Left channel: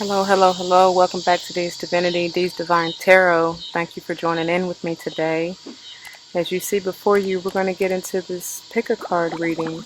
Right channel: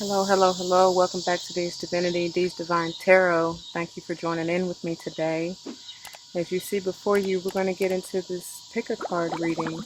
Hello, hello, hello. Welcome back to D's Divinity, D's Divine Tarot. Thank you for joining in with me today. As you see before you, we're going to get into this pick a card reading.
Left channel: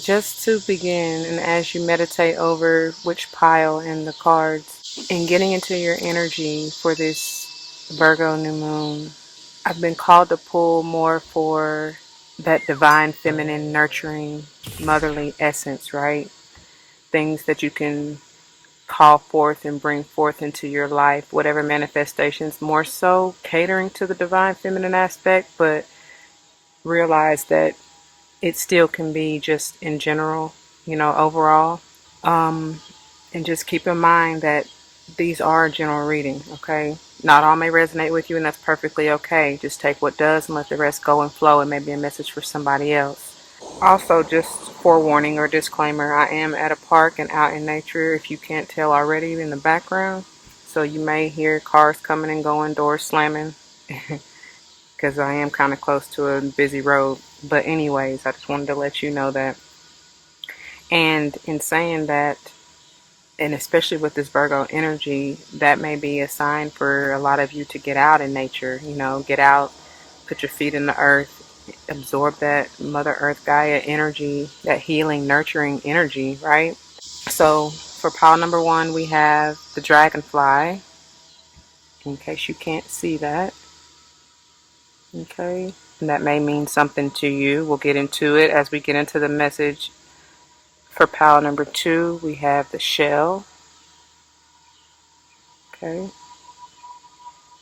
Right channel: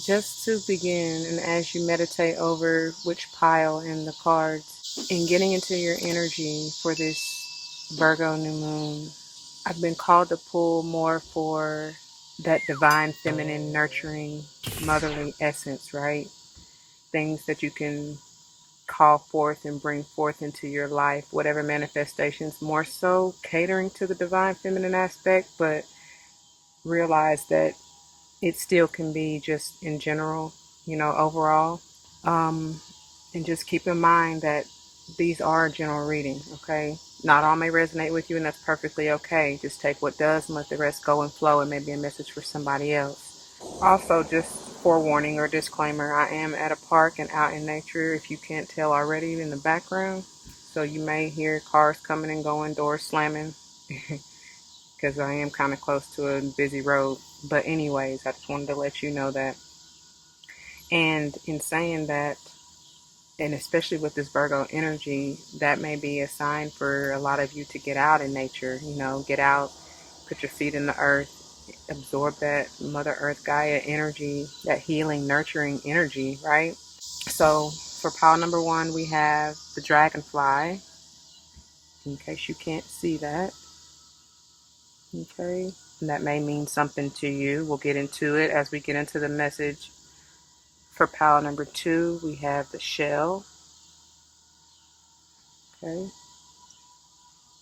Just to begin, and as you meditate over which pile and the cards, and getting into your energy for this Virgo new moon, I've been called to pull more for that divine, feminine, nurturing, motherly essence, right? Things that you can call forth and bring forth into your life, whatever manifestations, more so catering to the divine feminine aspect, but realize that it still can be just in general, overall. Um, and just keep in mind that these are a general reading, okay? Not all may resonate with you, and that's perfectly okay. Just take what does and let the rest go and flow. It may be a message for somebody else. Also, just forewarning or disclaimer, I am at a park and out in nature, if you can't tell already, in the background. So you may hear cars coming and going, doors slamming, because I am kind of close to a busy road. But anyways, I just wanted to let you know that. And in saying that, and especially with this Virgo energy, that may be a sign for a lot of you to get out in nature, get out, put your feet in the earth, absorb that Mother Earth Gaia energy, that healing, nurturing energy, right? So for pile number one, we have the dragonfly, in case you can't see that. Okay, and that may mean something to you. We'll get into it as we get into the message. For pile number two, we have the shell. Okay,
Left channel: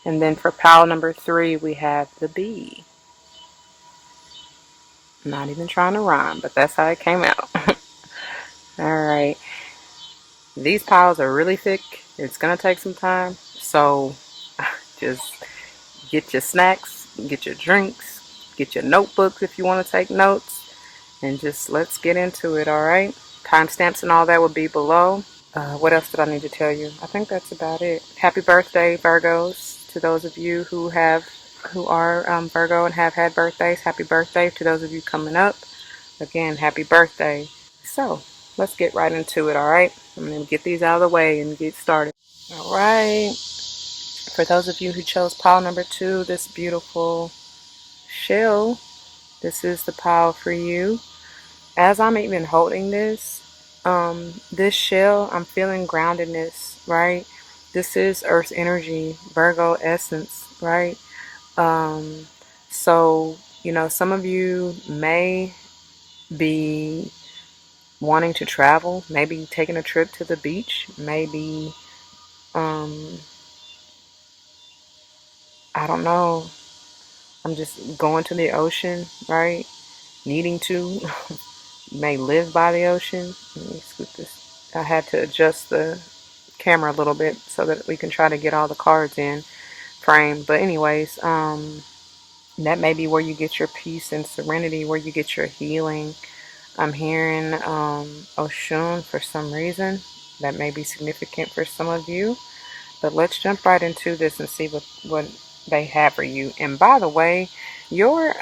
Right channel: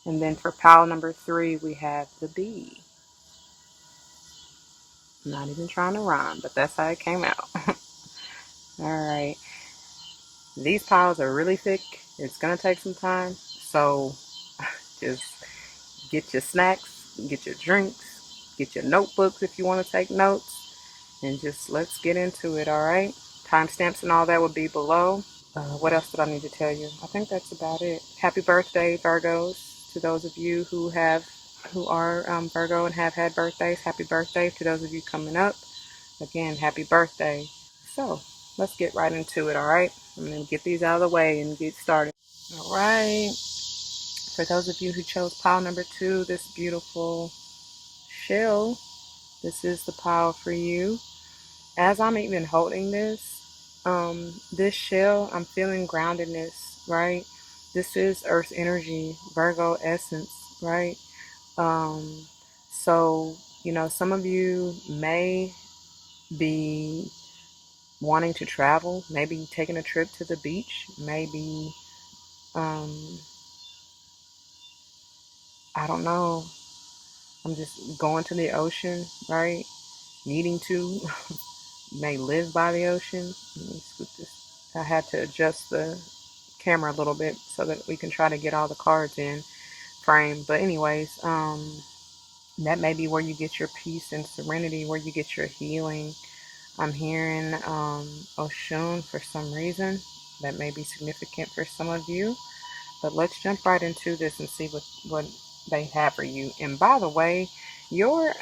and then for pile number three, we have the bee. I'm not even trying to rhyme, but that's how it came out. All right. These piles are really thick. It's going to take some time. So just get your snacks, get your drinks, get your notebooks if you want to take notes, and just let's get into it, all right? Timestamps and all that will be below. What else did I need to tell you? I think that's about it. Happy birthday, Virgos, to those of you who are Virgo and have had birthdays. Happy birthday to those of you coming up. Again, happy birthday. So let's get right into it, all right? I'm going to get these out of the way and get started. All right. For those of you who chose pile number two, this beautiful shell, this is the pile for you. As I'm even holding this shell, I'm feeling groundedness, right? This is Earth's energy, Virgo essence, right? Um, so, some of you may be wanting to travel, maybe taking a trip to the beach, maybe, I don't know, I'm just going to the ocean, right? Needing to, may live by the ocean. Let me scoot this. I had to adjust the camera a little bit so that we can try to get all the cards in frame. But anyways, that may be where you get your peace and serenity, where you get your healing. I'm hearing Oshun for some reason. That may be significant for some of you. But let's jump right into this and see what they have for you. And by the way, your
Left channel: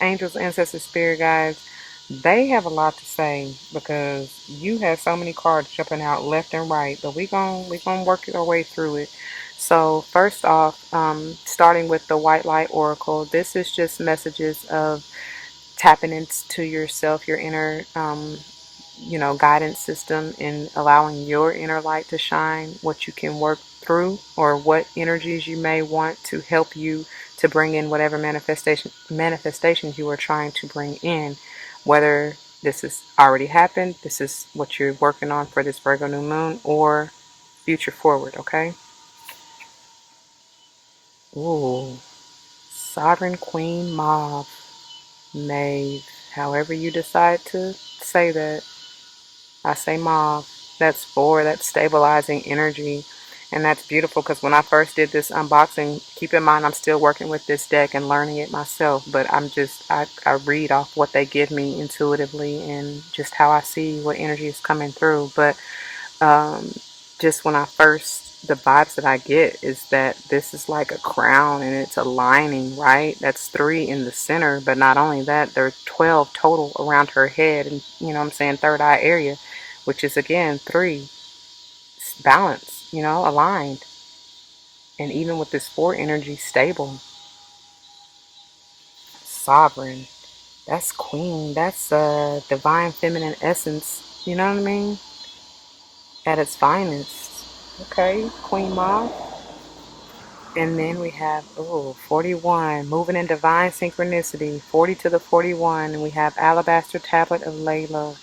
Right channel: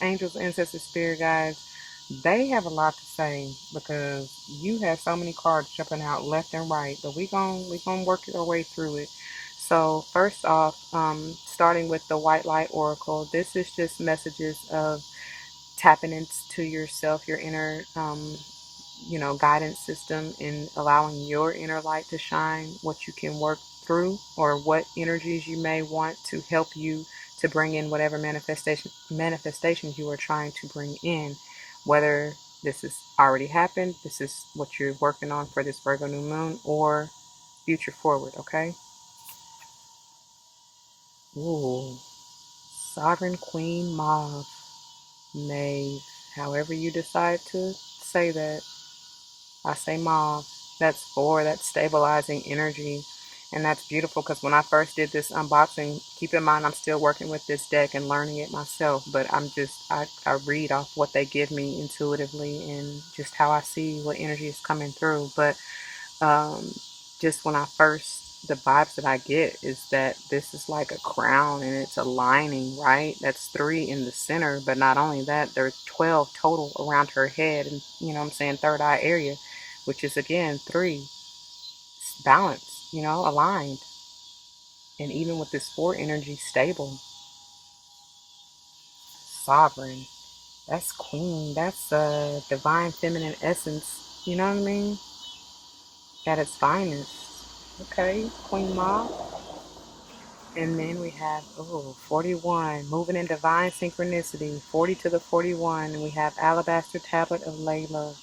angels, ancestors, spirit guides, they have a lot to say because you have so many cards jumping out left and right. But we gonna work our way through it. So first off, starting with the White Light Oracle, this is just messages of tapping into yourself, your inner guidance system, and allowing your inner light to shine, what you can work through, or what energies you may want to help you to bring in whatever manifestations you are trying to bring in. Whether this has already happened, this is what you're working on for this Virgo new moon, or future forward, okay? Ooh, Sovereign Queen Mauve, Maeve, however you decide to say that. I say mauve. That's stabilizing energy. And that's beautiful because when I first did this unboxing, keep in mind I'm still working with this deck and learning it myself, but I read off what they give me intuitively and just how I see what energy is coming through. But um, just when I first, the vibes that I get is that this is like a crown and it's a lining, right? That's three in the center, but not only that, there's 12 total around her head and, you know what I'm saying, third eye area, which is again three, balance, aligned. And even with this four energy, stable, sovereign, that's queen, that's divine feminine essence, you know what I mean? At its finest. Okay, Queen Ma. And then we have, 41, moving in divine synchronicity, 40 to the 41. And we have Alabaster Tablet of Layla.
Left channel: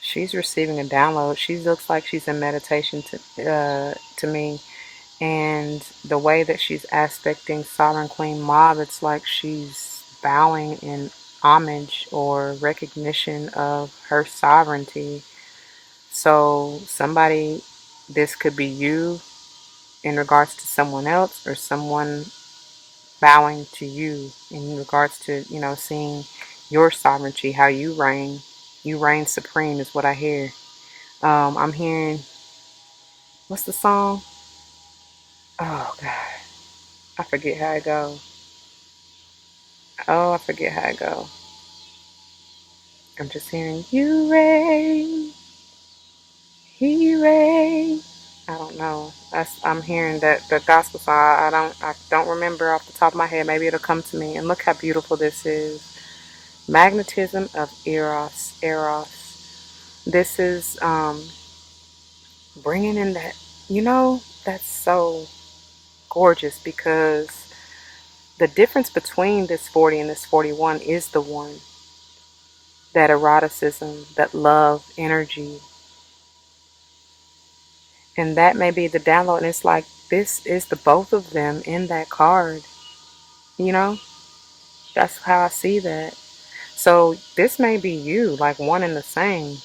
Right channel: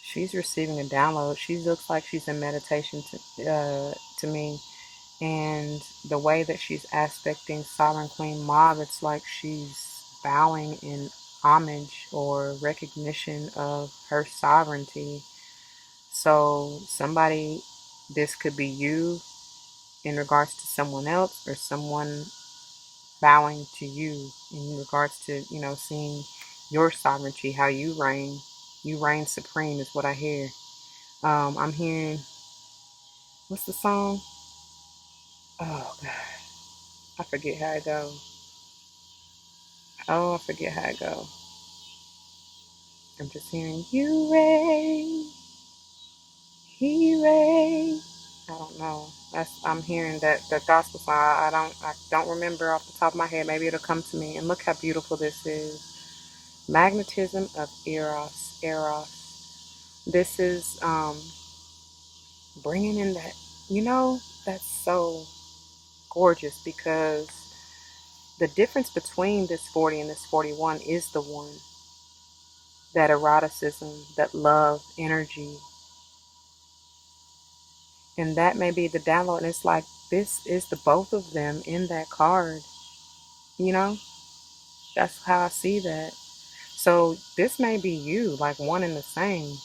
She's receiving a download. She looks like she's in meditation to me. And the way that she's aspecting Sovereign Queen Mab, it's like she's bowing in homage or recognition of her sovereignty. So somebody, this could be you in regards to someone else, or someone bowing to you in regards to, seeing your sovereignty, how you reign. You reign supreme is what I hear. I'm hearing, what's the song? Oh God, I forget how it go. Oh, I forget how it go. I'm just hearing you reign, he reign. I don't know. I'm hearing that the gospel song. I don't remember off the top of my head. Maybe it'll come to me. And look how beautiful this is. Magnetism of Eros. Eros. This is bringing in that. That's so gorgeous because the difference between this 40 and this 41 is the one, that eroticism, that love energy. And that may be the download. And it's like, this is the both of them in that card. You know, that's how I see that. So this may be you, like one and the same.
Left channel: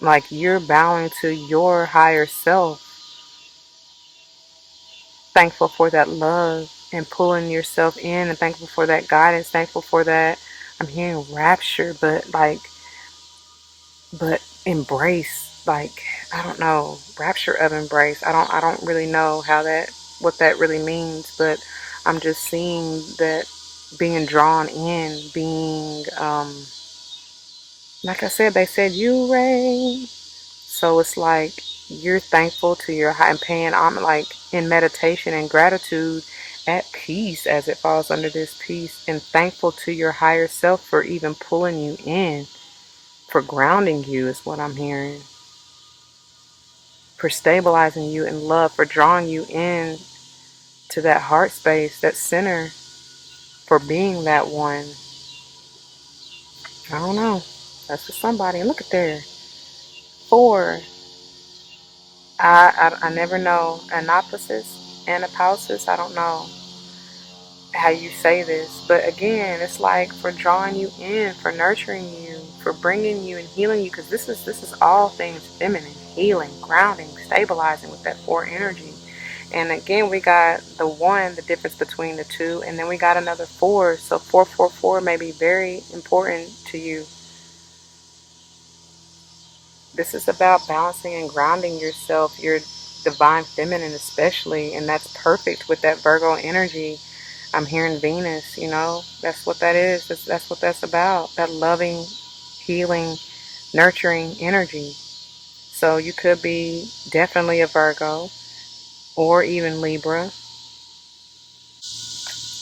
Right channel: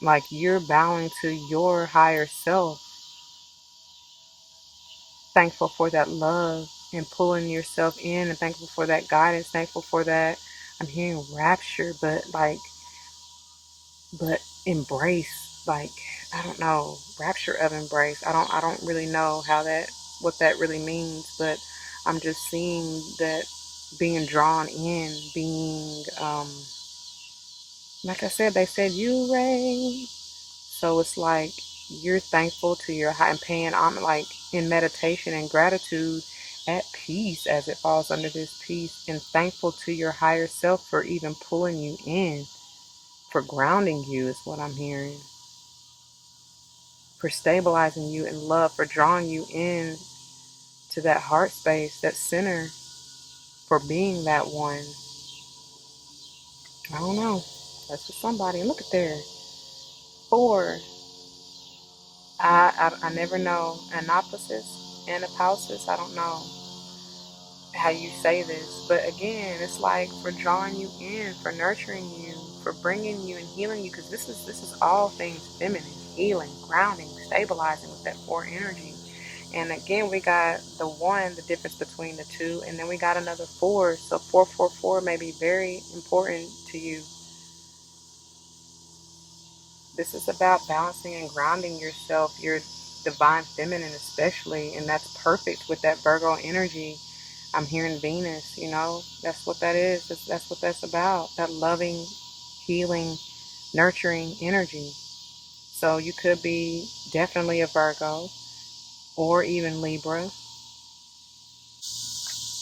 Like you're bowing to your higher self, thankful for that love and pulling yourself in, and thankful for that guidance, thankful for that. I'm hearing rapture, but embrace, like, I don't know, rapture of embrace. I don't really know what that really means, but I'm just seeing that being drawn in, being like I said, they said you reign. So it's like you're thankful to your high, and paying, I'm like in meditation and gratitude, at peace as it falls under this peace, and thankful to your higher self for even pulling you in, for grounding you is what I'm hearing, for stabilizing you in love, for drawing you in to that heart space, that center, for being that one. I don't know. That's for somebody. And look at there. Four. I never know. Anapausis. I don't know how you say this, but again, it's like for drawing you in, for nurturing you, for bringing you and healing you, because this is all things feminine, healing, grounding, stabilizing with that four energy. And again, we got the one, the difference between the two, and then we got another four. So 444 may be very important to you. This is about balancing and grounding yourself, your divine feminine especially, and that's perfect with that Virgo energy. I'm hearing Venus, that's what that is. That's what that's about. That loving, healing, nurturing energy. So you could be definitely a Virgo or even Libra.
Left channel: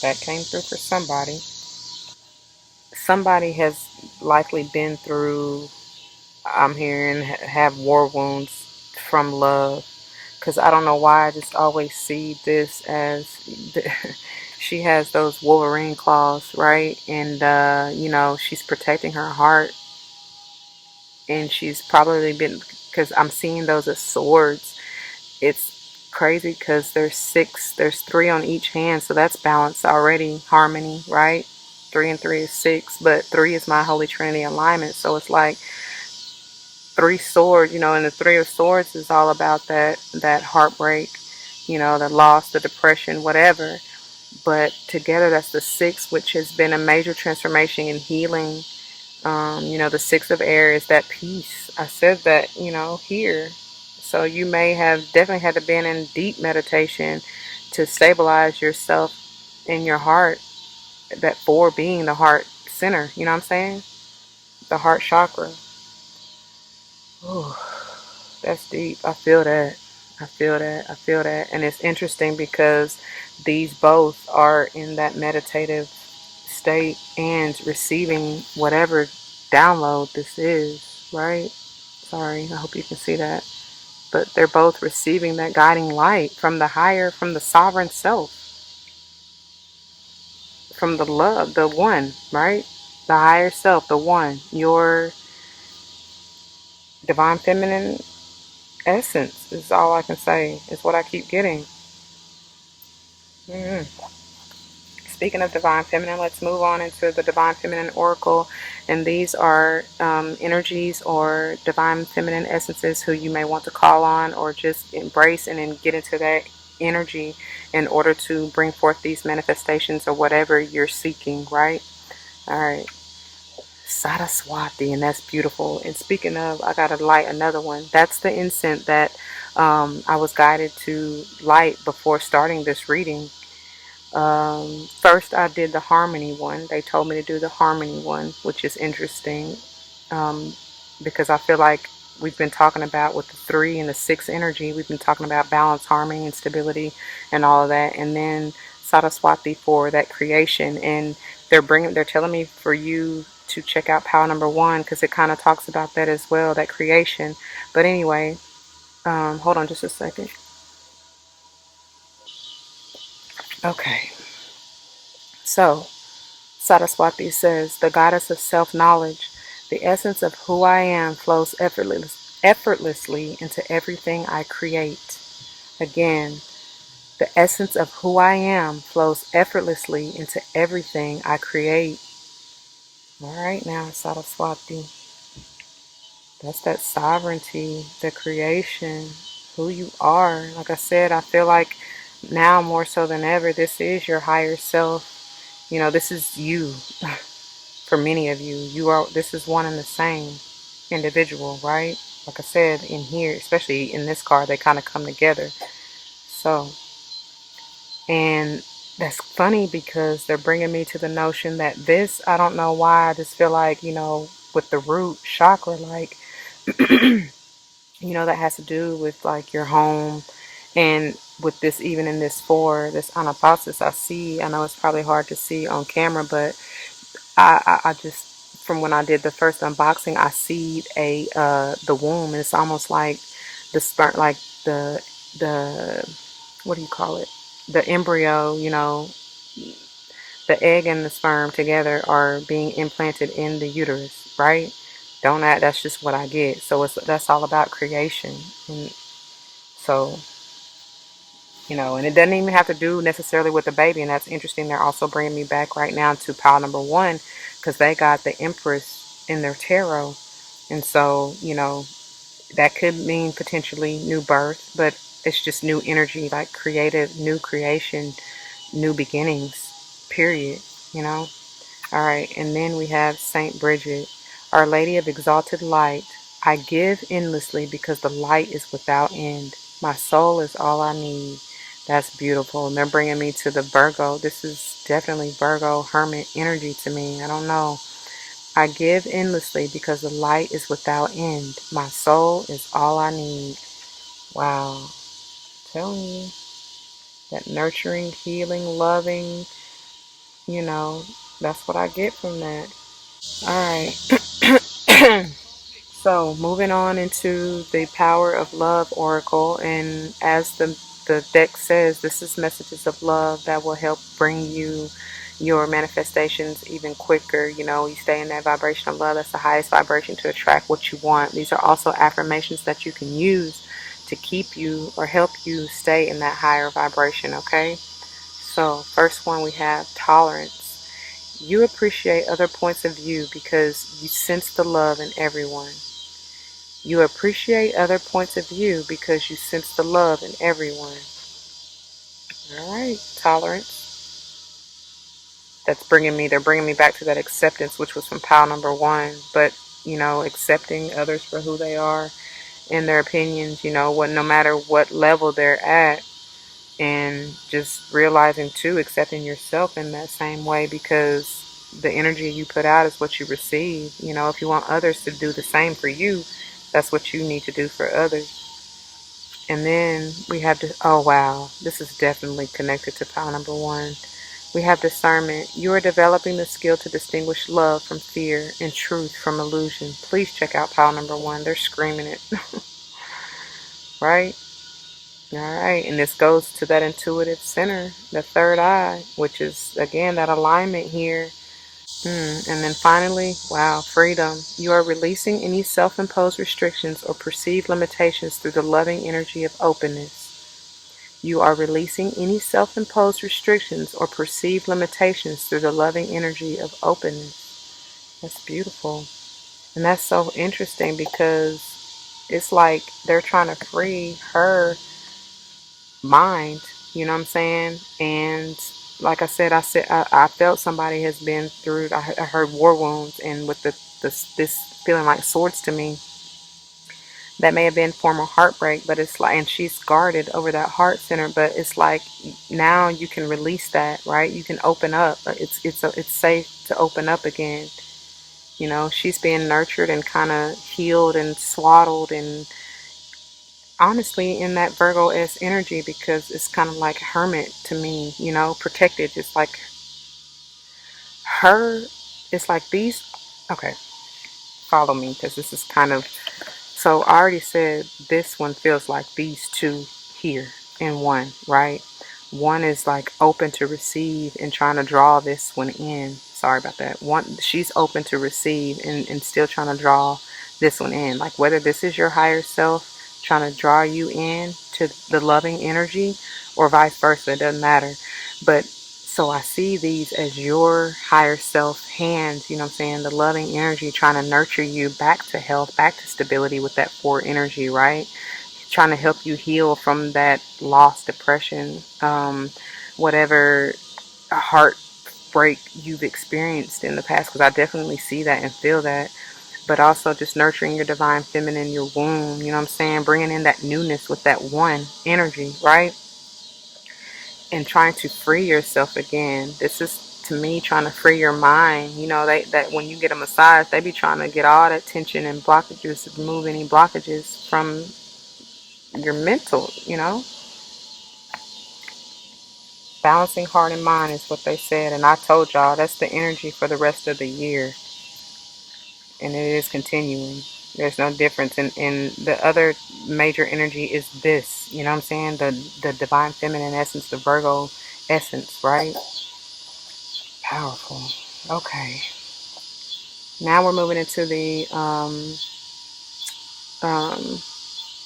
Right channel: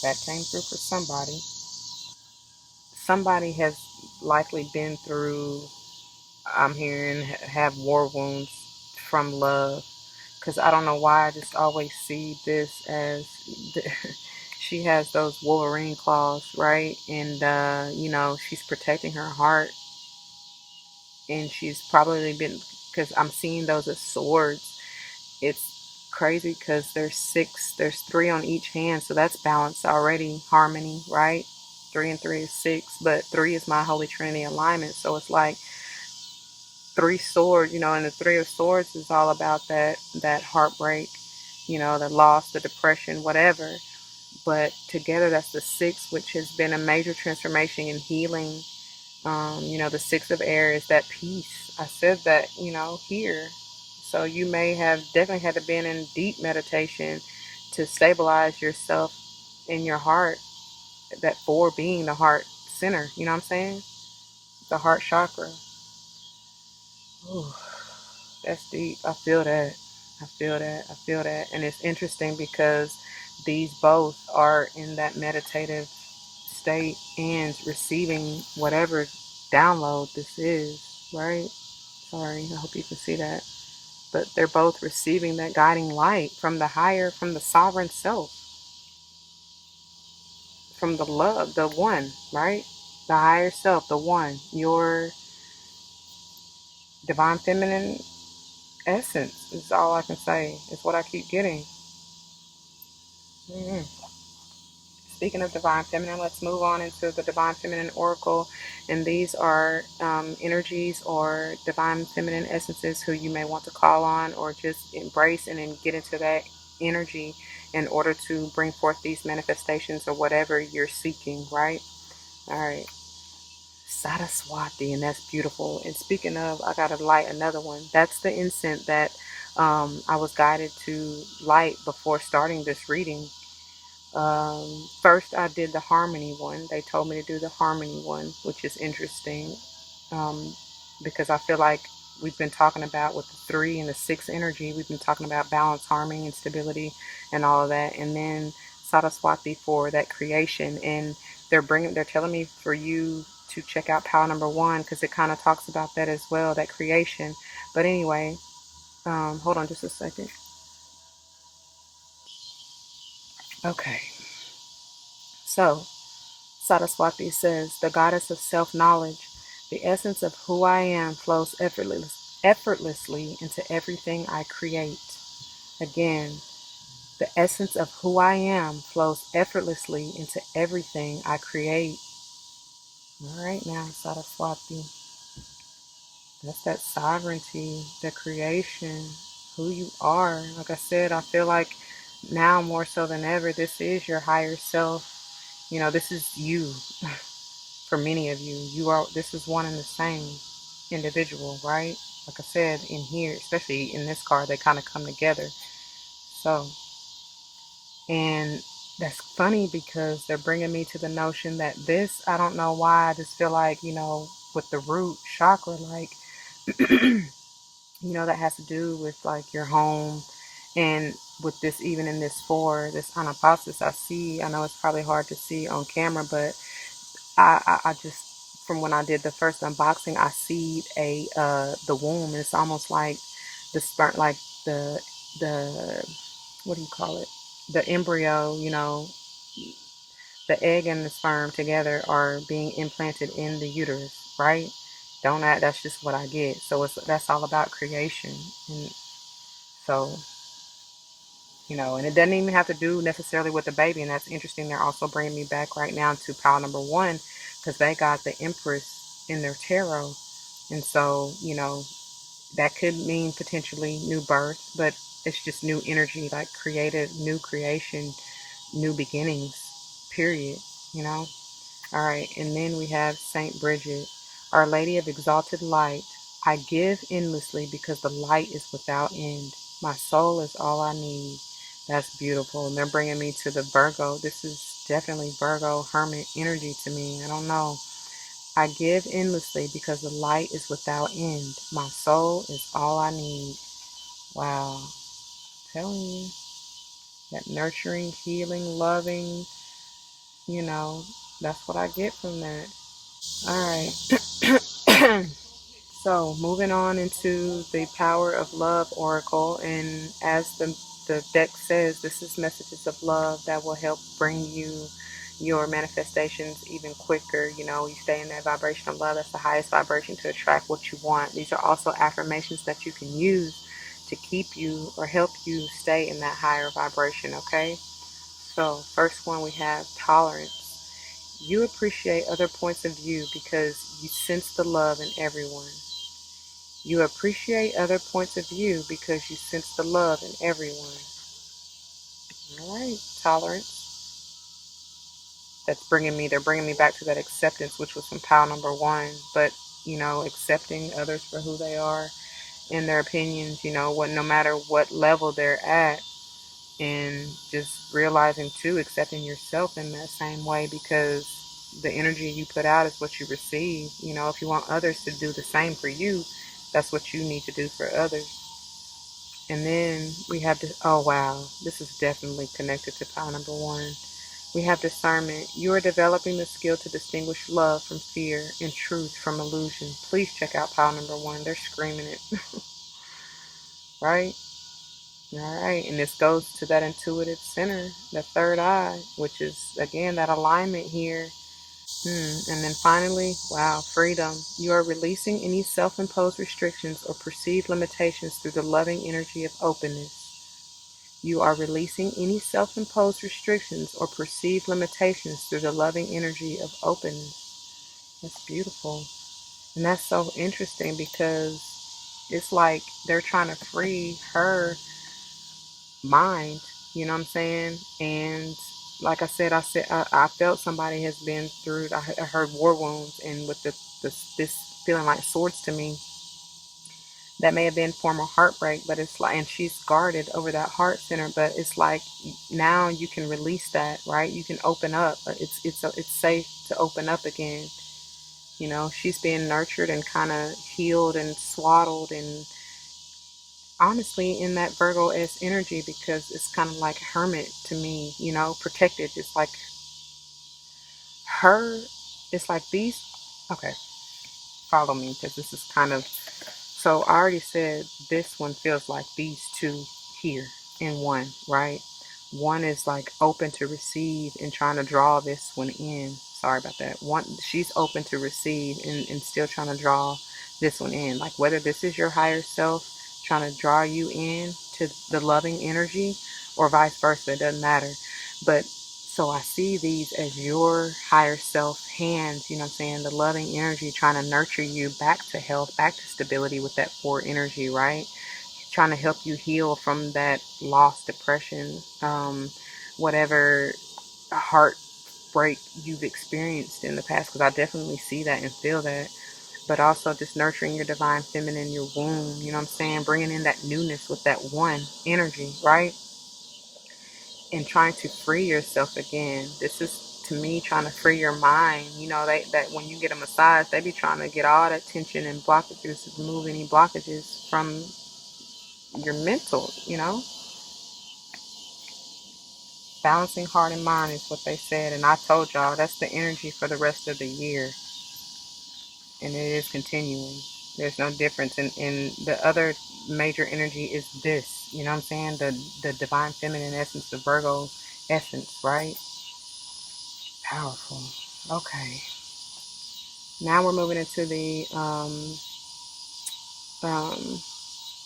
That came through for somebody. Somebody has likely been through, I'm hearing, have war wounds from love. Because I don't know why I just always see this as she has those Wolverine claws, right? And, she's protecting her heart. And she's probably been, because I'm seeing those as swords. It's crazy because there's three on each hand. So that's balance already, harmony, right? Three and three is six, but three is my Holy Trinity alignment. So it's like three swords, and the three of swords is all about that heartbreak, the loss, the depression, whatever. But together, that's the six, which has been a major transformation in healing. The six of air is that peace. I said that, here. So you may have definitely had to been in deep meditation to stabilize yourself in your heart, that four being the heart center, you know what I'm saying? The heart chakra. Ooh, that's deep. I feel that. I feel that. I feel that. And it's interesting because these both are in that meditative state and receiving whatever download this is, right? Sorry, I hope you can see that. But they're both receiving that guiding light from the higher, from the sovereign self, from the love, the one, right? The higher self, the one, your divine feminine essence is all I can say. It's what I keep getting. Mm-hmm. Speaking of divine feminine, let's move on into the divine feminine oracle. And these are energies or divine feminine essences who you may want to call on or just embrace and then get into that energy in order to bring forth these manifestations or whatever you're seeking, right? All right. Saraswati, and that's beautiful. And speaking of, I got to light another one. That's the incense that I was guided to light before starting this reading. First, I did the harmony one. They told me to do the harmony one, which is interesting um, because I feel like we've been talking about with the three and the six energy, we've been talking about balance, harmony, and stability, and all of that. And then Saraswati for that creation, and they're telling me for you to check out Power Number One because it kind of talks about that as well, that creation. But anyway, hold on just a second. Okay, so Saraswati says, the goddess of self-knowledge, the essence of who I am flows effortlessly into everything I create. Again, the essence of who I am flows effortlessly into everything I create. All right now, Saraswati. That's that sovereignty, the creation, who you are. Like I said, I feel like now more so than ever, this is your higher self. This is you. For many of you, this is one and the same individual, right? Like I said, in here, especially in this card, they kind of come together. So, and that's funny because they're bringing me to the notion that this, I don't know why, I just feel like, with the root chakra, like, that has to do with like your home. And with this, even in this four, this anapasis I know it's probably hard to see on camera, but I just, from when I did the first unboxing, I see the womb, and it's almost like the sperm, like the what do you call it? The embryo, the egg and the sperm together are being implanted in the uterus, right? Don't act, that's just what I get. So that's all about creation. And so, and it doesn't even have to do necessarily with the baby. And that's interesting. They're also bringing me back right now to pile number one because they got the Empress in their tarot. And so, that could mean potentially new birth, but it's just new energy, like creative, new creation, new beginnings, period, you know? All right, and then we have Saint Bridget, Our Lady of Exalted Light. I give endlessly because the light is without end. My soul is all I need. That's beautiful. And they're bringing me to the Virgo. This is definitely Virgo Hermit energy to me. I don't know. I give endlessly because the light is without end. My soul is all I need. Wow. I'm telling you, that nurturing, healing, loving, you know, that's what I get from that. All right. So moving on into the Power of Love Oracle, and as the deck says, this is messages of love that will help bring you your manifestations even quicker. You stay in that vibration of love. That's the highest vibration to attract what you want. These are also affirmations that you can use to keep you or help you stay in that higher vibration, okay? So first one, we have tolerance. You appreciate other points of view because you sense the love in everyone. You appreciate other points of view because you sense the love in everyone. All right, tolerance. They're bringing me back to that acceptance, which was from pile number one. But, accepting others for who they are and their opinions, no matter what level they're at, and just realizing too, accepting yourself in that same way, because the energy you put out is what you receive. If you want others to do the same for you, that's what you need to do for others. And then we have to, oh wow, this is definitely connected to pile number one. We have discernment. You are developing the skill to distinguish love from fear and truth from illusion. Please check out pile number one. They're screaming it, right? All right. And this goes to that intuitive center, the third eye, which is, again, that alignment here. And then finally, wow, freedom. You are releasing any self imposed restrictions or perceived limitations through the loving energy of openness. You are releasing any self imposed restrictions or perceived limitations through the loving energy of openness. That's beautiful. And that's so interesting because it's like they're trying to free her mind, you know what I'm saying? And like I felt somebody has been through, I heard war wounds, and with this feeling like swords to me, that may have been former heartbreak, but it's like, and she's guarded over that heart center, but it's like now you can release that, right? You can open up. It's safe to open up again. She's being nurtured and kind of healed and swaddled, and honestly in that Virgo S energy, because it's kind of like hermit to me, protected. It's like her, it's like these, okay, follow me, because this is kind of, so I already said this one feels like these two here in one, right? One is like open to receive and trying to draw this one in. Sorry about that. One, she's open to receive and still trying to draw this one in. Like whether this is your higher self trying to draw you in to the loving energy or vice versa, it doesn't matter. But so I see these as your higher self hands, you know what I'm saying? The loving energy trying to nurture you back to health, back to stability with that four energy, right? Trying to help you heal from that loss, depression, whatever heartbreak you've experienced in the past, because I definitely see that and feel that. But also just nurturing your divine feminine, your womb, you know what I'm saying? Bringing in that newness with that one energy, right? And trying to free yourself again. This is to me trying to free your mind. That when you get a massage, they be trying to get all that tension and blockages, remove any blockages from your mental. Balancing heart and mind is what they said, and I told y'all that's the energy for the rest of the year, and it is continuing. There's no difference, and the other major energy is this. You know what I'm saying? The divine feminine essence, the Virgo essence, right? Powerful. Okay. Now we're moving into the um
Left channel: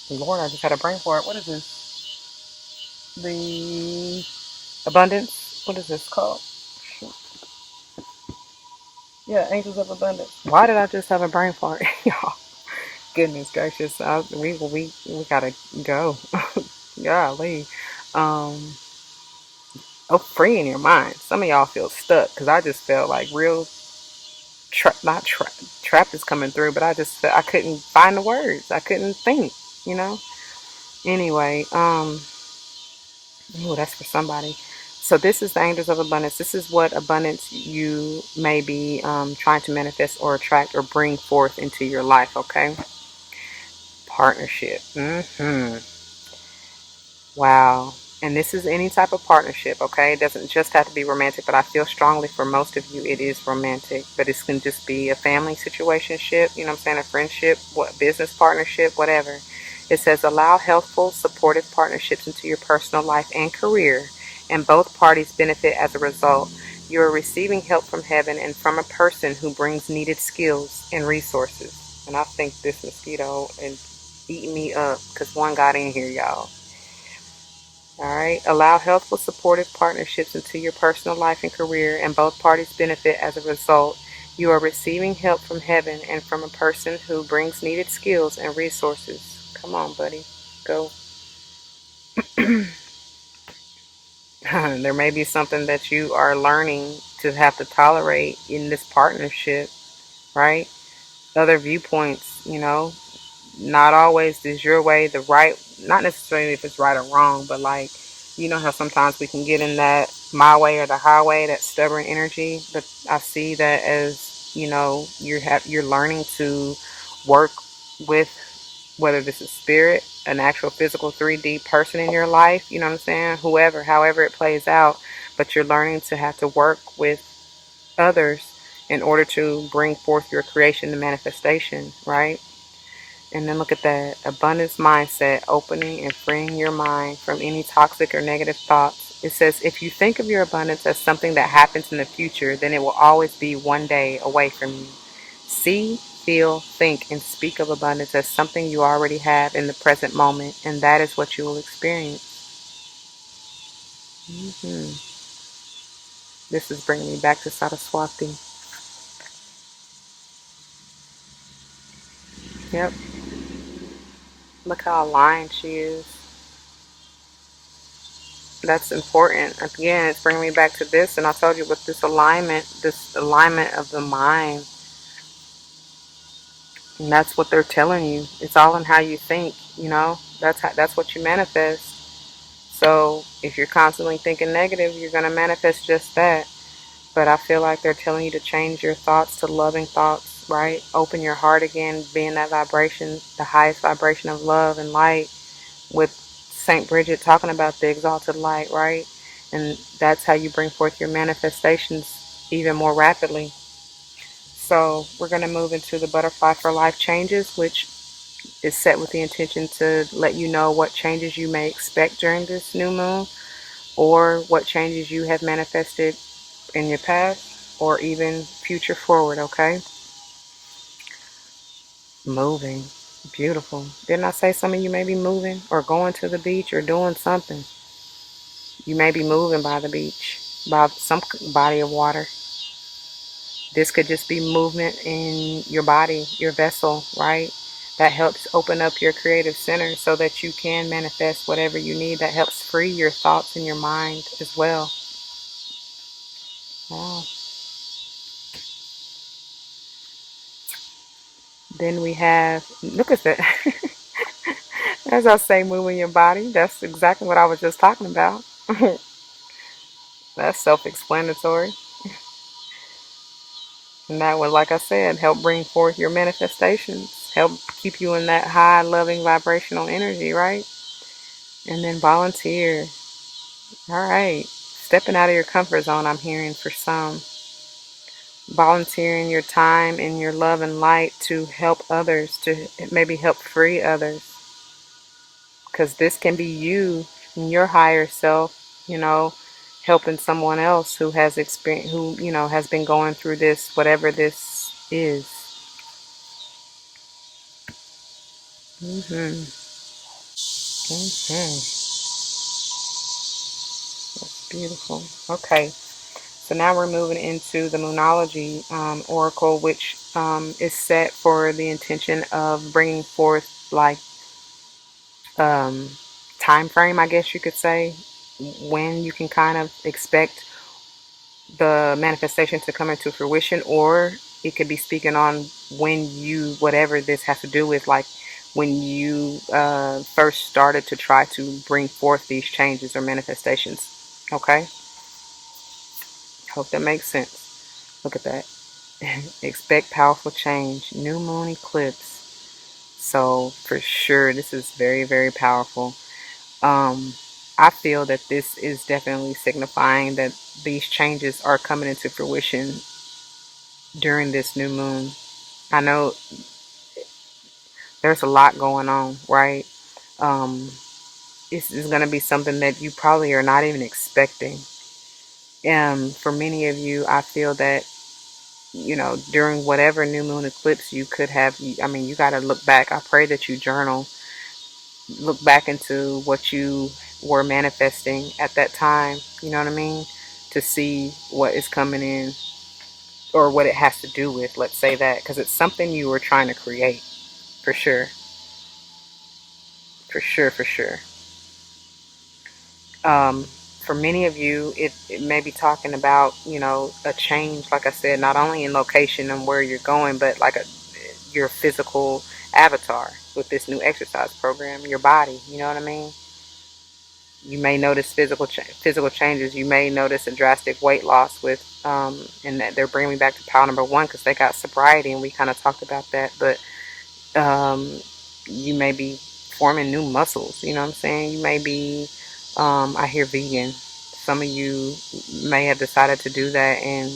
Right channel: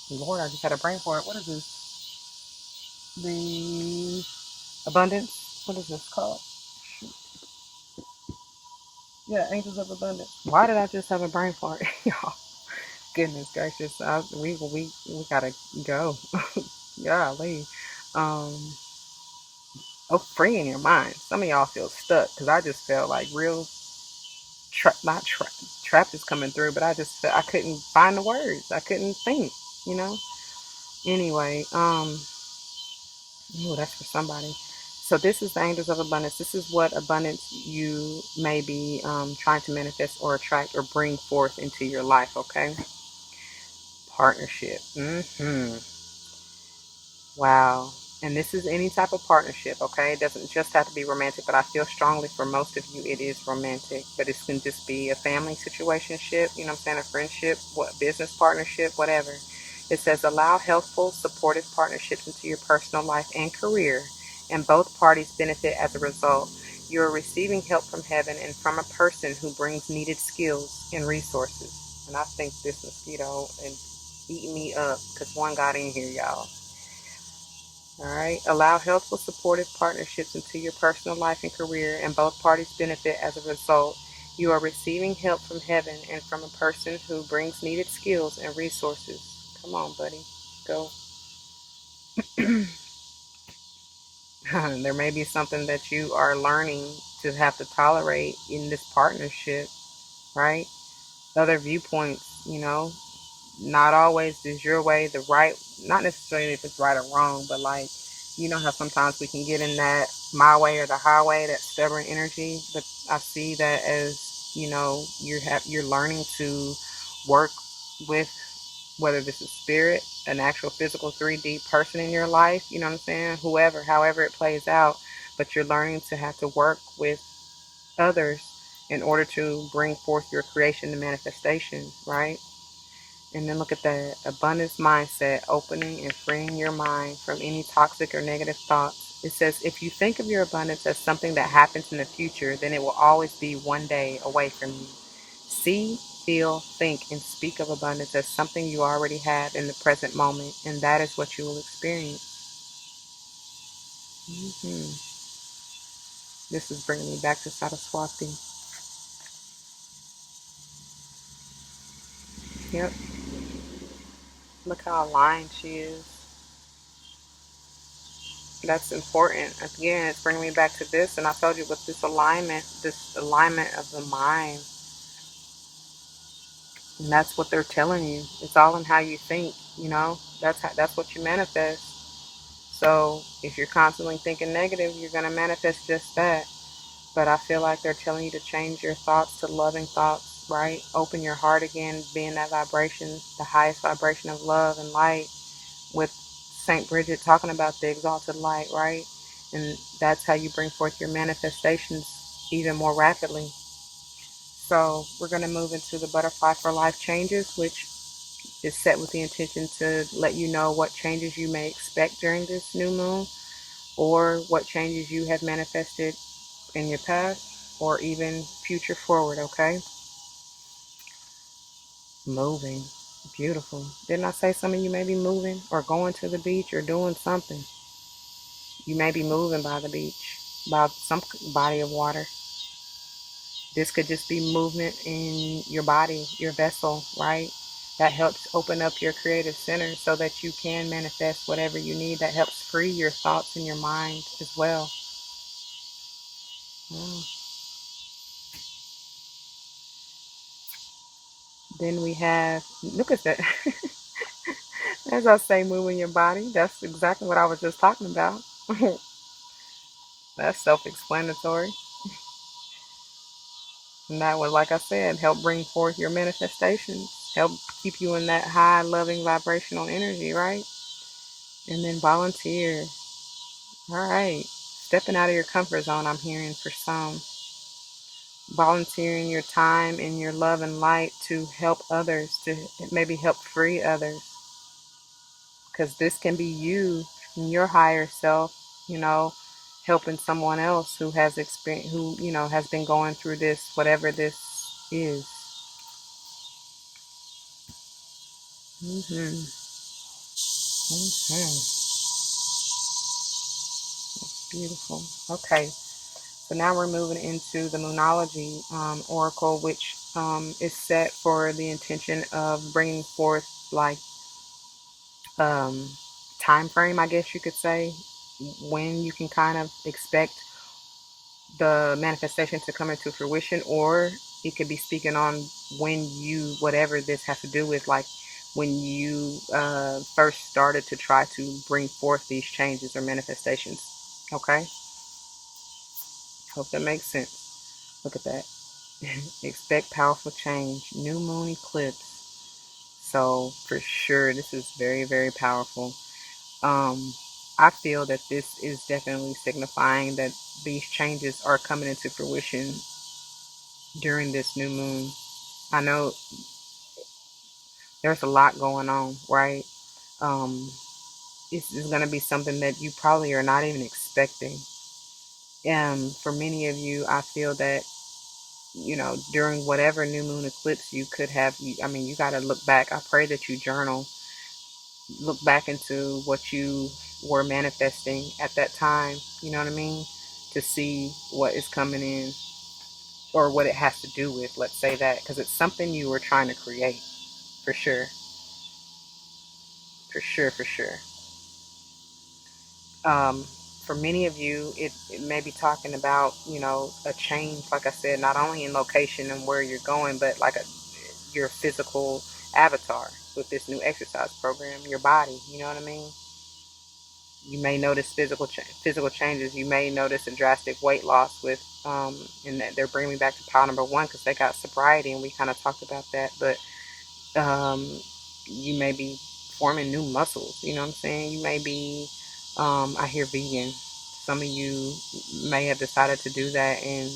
Lord, I just had a brain fart. What is this? The abundance. What is this called? Yeah, angels of abundance. Why did I just have a brain fart, y'all? Goodness gracious, we gotta go. Golly. Um, oh, free in your mind. Some of y'all feel stuck because I just felt like real not trapped is coming through, but I just I couldn't find the words. I couldn't think. You know. Anyway, oh, that's for somebody. So this is the angels of abundance. This is what abundance you may be trying to manifest or attract or bring forth into your life. Okay. Partnership. Wow. And this is any type of partnership, okay? It doesn't just have to be romantic, but I feel strongly for most of you it is romantic. But it can just be a family situationship, you know what I'm saying? A friendship, what business partnership, whatever. It says allow healthful, supportive partnerships into your personal life and career, and both parties benefit as a result. You are receiving help from heaven and from a person who brings needed skills and resources. And I think this mosquito is eating me up because one got in here, y'all. All right. Allow healthful, supportive partnerships into your personal life and career, and both parties benefit as a result. You are receiving help from heaven and from a person who brings needed skills and resources. Come on, buddy. Go. There may be something that you are learning to have to tolerate in this partnership, right? Other viewpoints, not always is your way the right, not necessarily if it's right or wrong, but like, you know how sometimes we can get in that my way or the highway, that stubborn energy. But I see that as, you're learning to work with, whether this is spirit, an actual physical 3D person in your life, you know what I'm saying? Whoever, however it plays out, but you're learning to have to work with others in order to bring forth your creation to manifestation, right? And then look at that abundance mindset, opening and freeing your mind from any toxic or negative thoughts. It says, if you think of your abundance as something that happens in the future, then it will always be one day away from you. See, feel, think, and speak of abundance as something you already have in the present moment, and that is what you will experience. This is bringing me back to Saraswati. Yep, look how aligned she is. That's important. Again, it's bringing me back to this, and I told you with this alignment of the mind, and that's what they're telling you. It's all in how you think. That's what you manifest. So if you're constantly thinking negative, you're gonna manifest just that. But I feel like they're telling you to change your thoughts to loving thoughts, right? Open your heart again, being that vibration, the highest vibration of love and light, with Saint Bridget talking about the exalted light, right? And that's how you bring forth your manifestations even more rapidly. So we're going to move into the butterfly for life changes, which is set with the intention to let you know what changes you may expect during this new moon, or what changes you have manifested in your past, or even future forward, okay? Moving. Beautiful. Didn't I say some of you may be moving or going to the beach or doing something? You may be moving by the beach, by some body of water. This could just be movement in your body, your vessel, right? That helps open up your creative center so that you can manifest whatever you need. That helps free your thoughts and your mind as well. Wow. Then we have, look at that. As I say, moving your body. That's exactly what I was just talking about. That's self-explanatory. And that would, like I said, help bring forth your manifestations, help keep you in that high, loving, vibrational energy, right? And then volunteer. All right. Stepping out of your comfort zone, I'm hearing for some. Volunteering your time and your love and light to help others, to maybe help free others. Because this can be you and your higher self, helping someone else who has experience, who, has been going through this, whatever this is. Mm-hmm. Mm-hmm. Beautiful. Okay. So now we're moving into the Moonology Oracle, which is set for the intention of bringing forth, like, um, time frame, I guess you could say, when you can kind of expect the manifestation to come into fruition, or it could be speaking on when you, whatever this has to do with, like when you first started to try to bring forth these changes or manifestations. Okay, hope that makes sense. Look at that. Expect powerful change. New moon eclipse. So for sure, this is very, very powerful. Um, I feel that this is definitely signifying that these changes are coming into fruition during this new moon. I know there's a lot going on, right? Um, it's going to be something that you probably are not even expecting. For many of you, I feel that, during whatever new moon eclipse you could have, I mean, you got to look back. I pray that you journal, look back into what you were manifesting at that time, you know what I mean? To see what is coming in. or what it has to do with, let's say that, because it's something you were trying to create, for sure, for sure, for sure. Um, for many of you, it may be talking about, a change, like I said, not only in location and where you're going, but like your physical avatar with this new exercise program, your body, you know what I mean? You may notice physical changes. You may notice a drastic weight loss with, and that they're bringing me back to pile number one because they got sobriety, and we kind of talked about that. But um, you may be forming new muscles. You know what I'm saying? You may be, I hear vegan. Some of you may have decided to do that and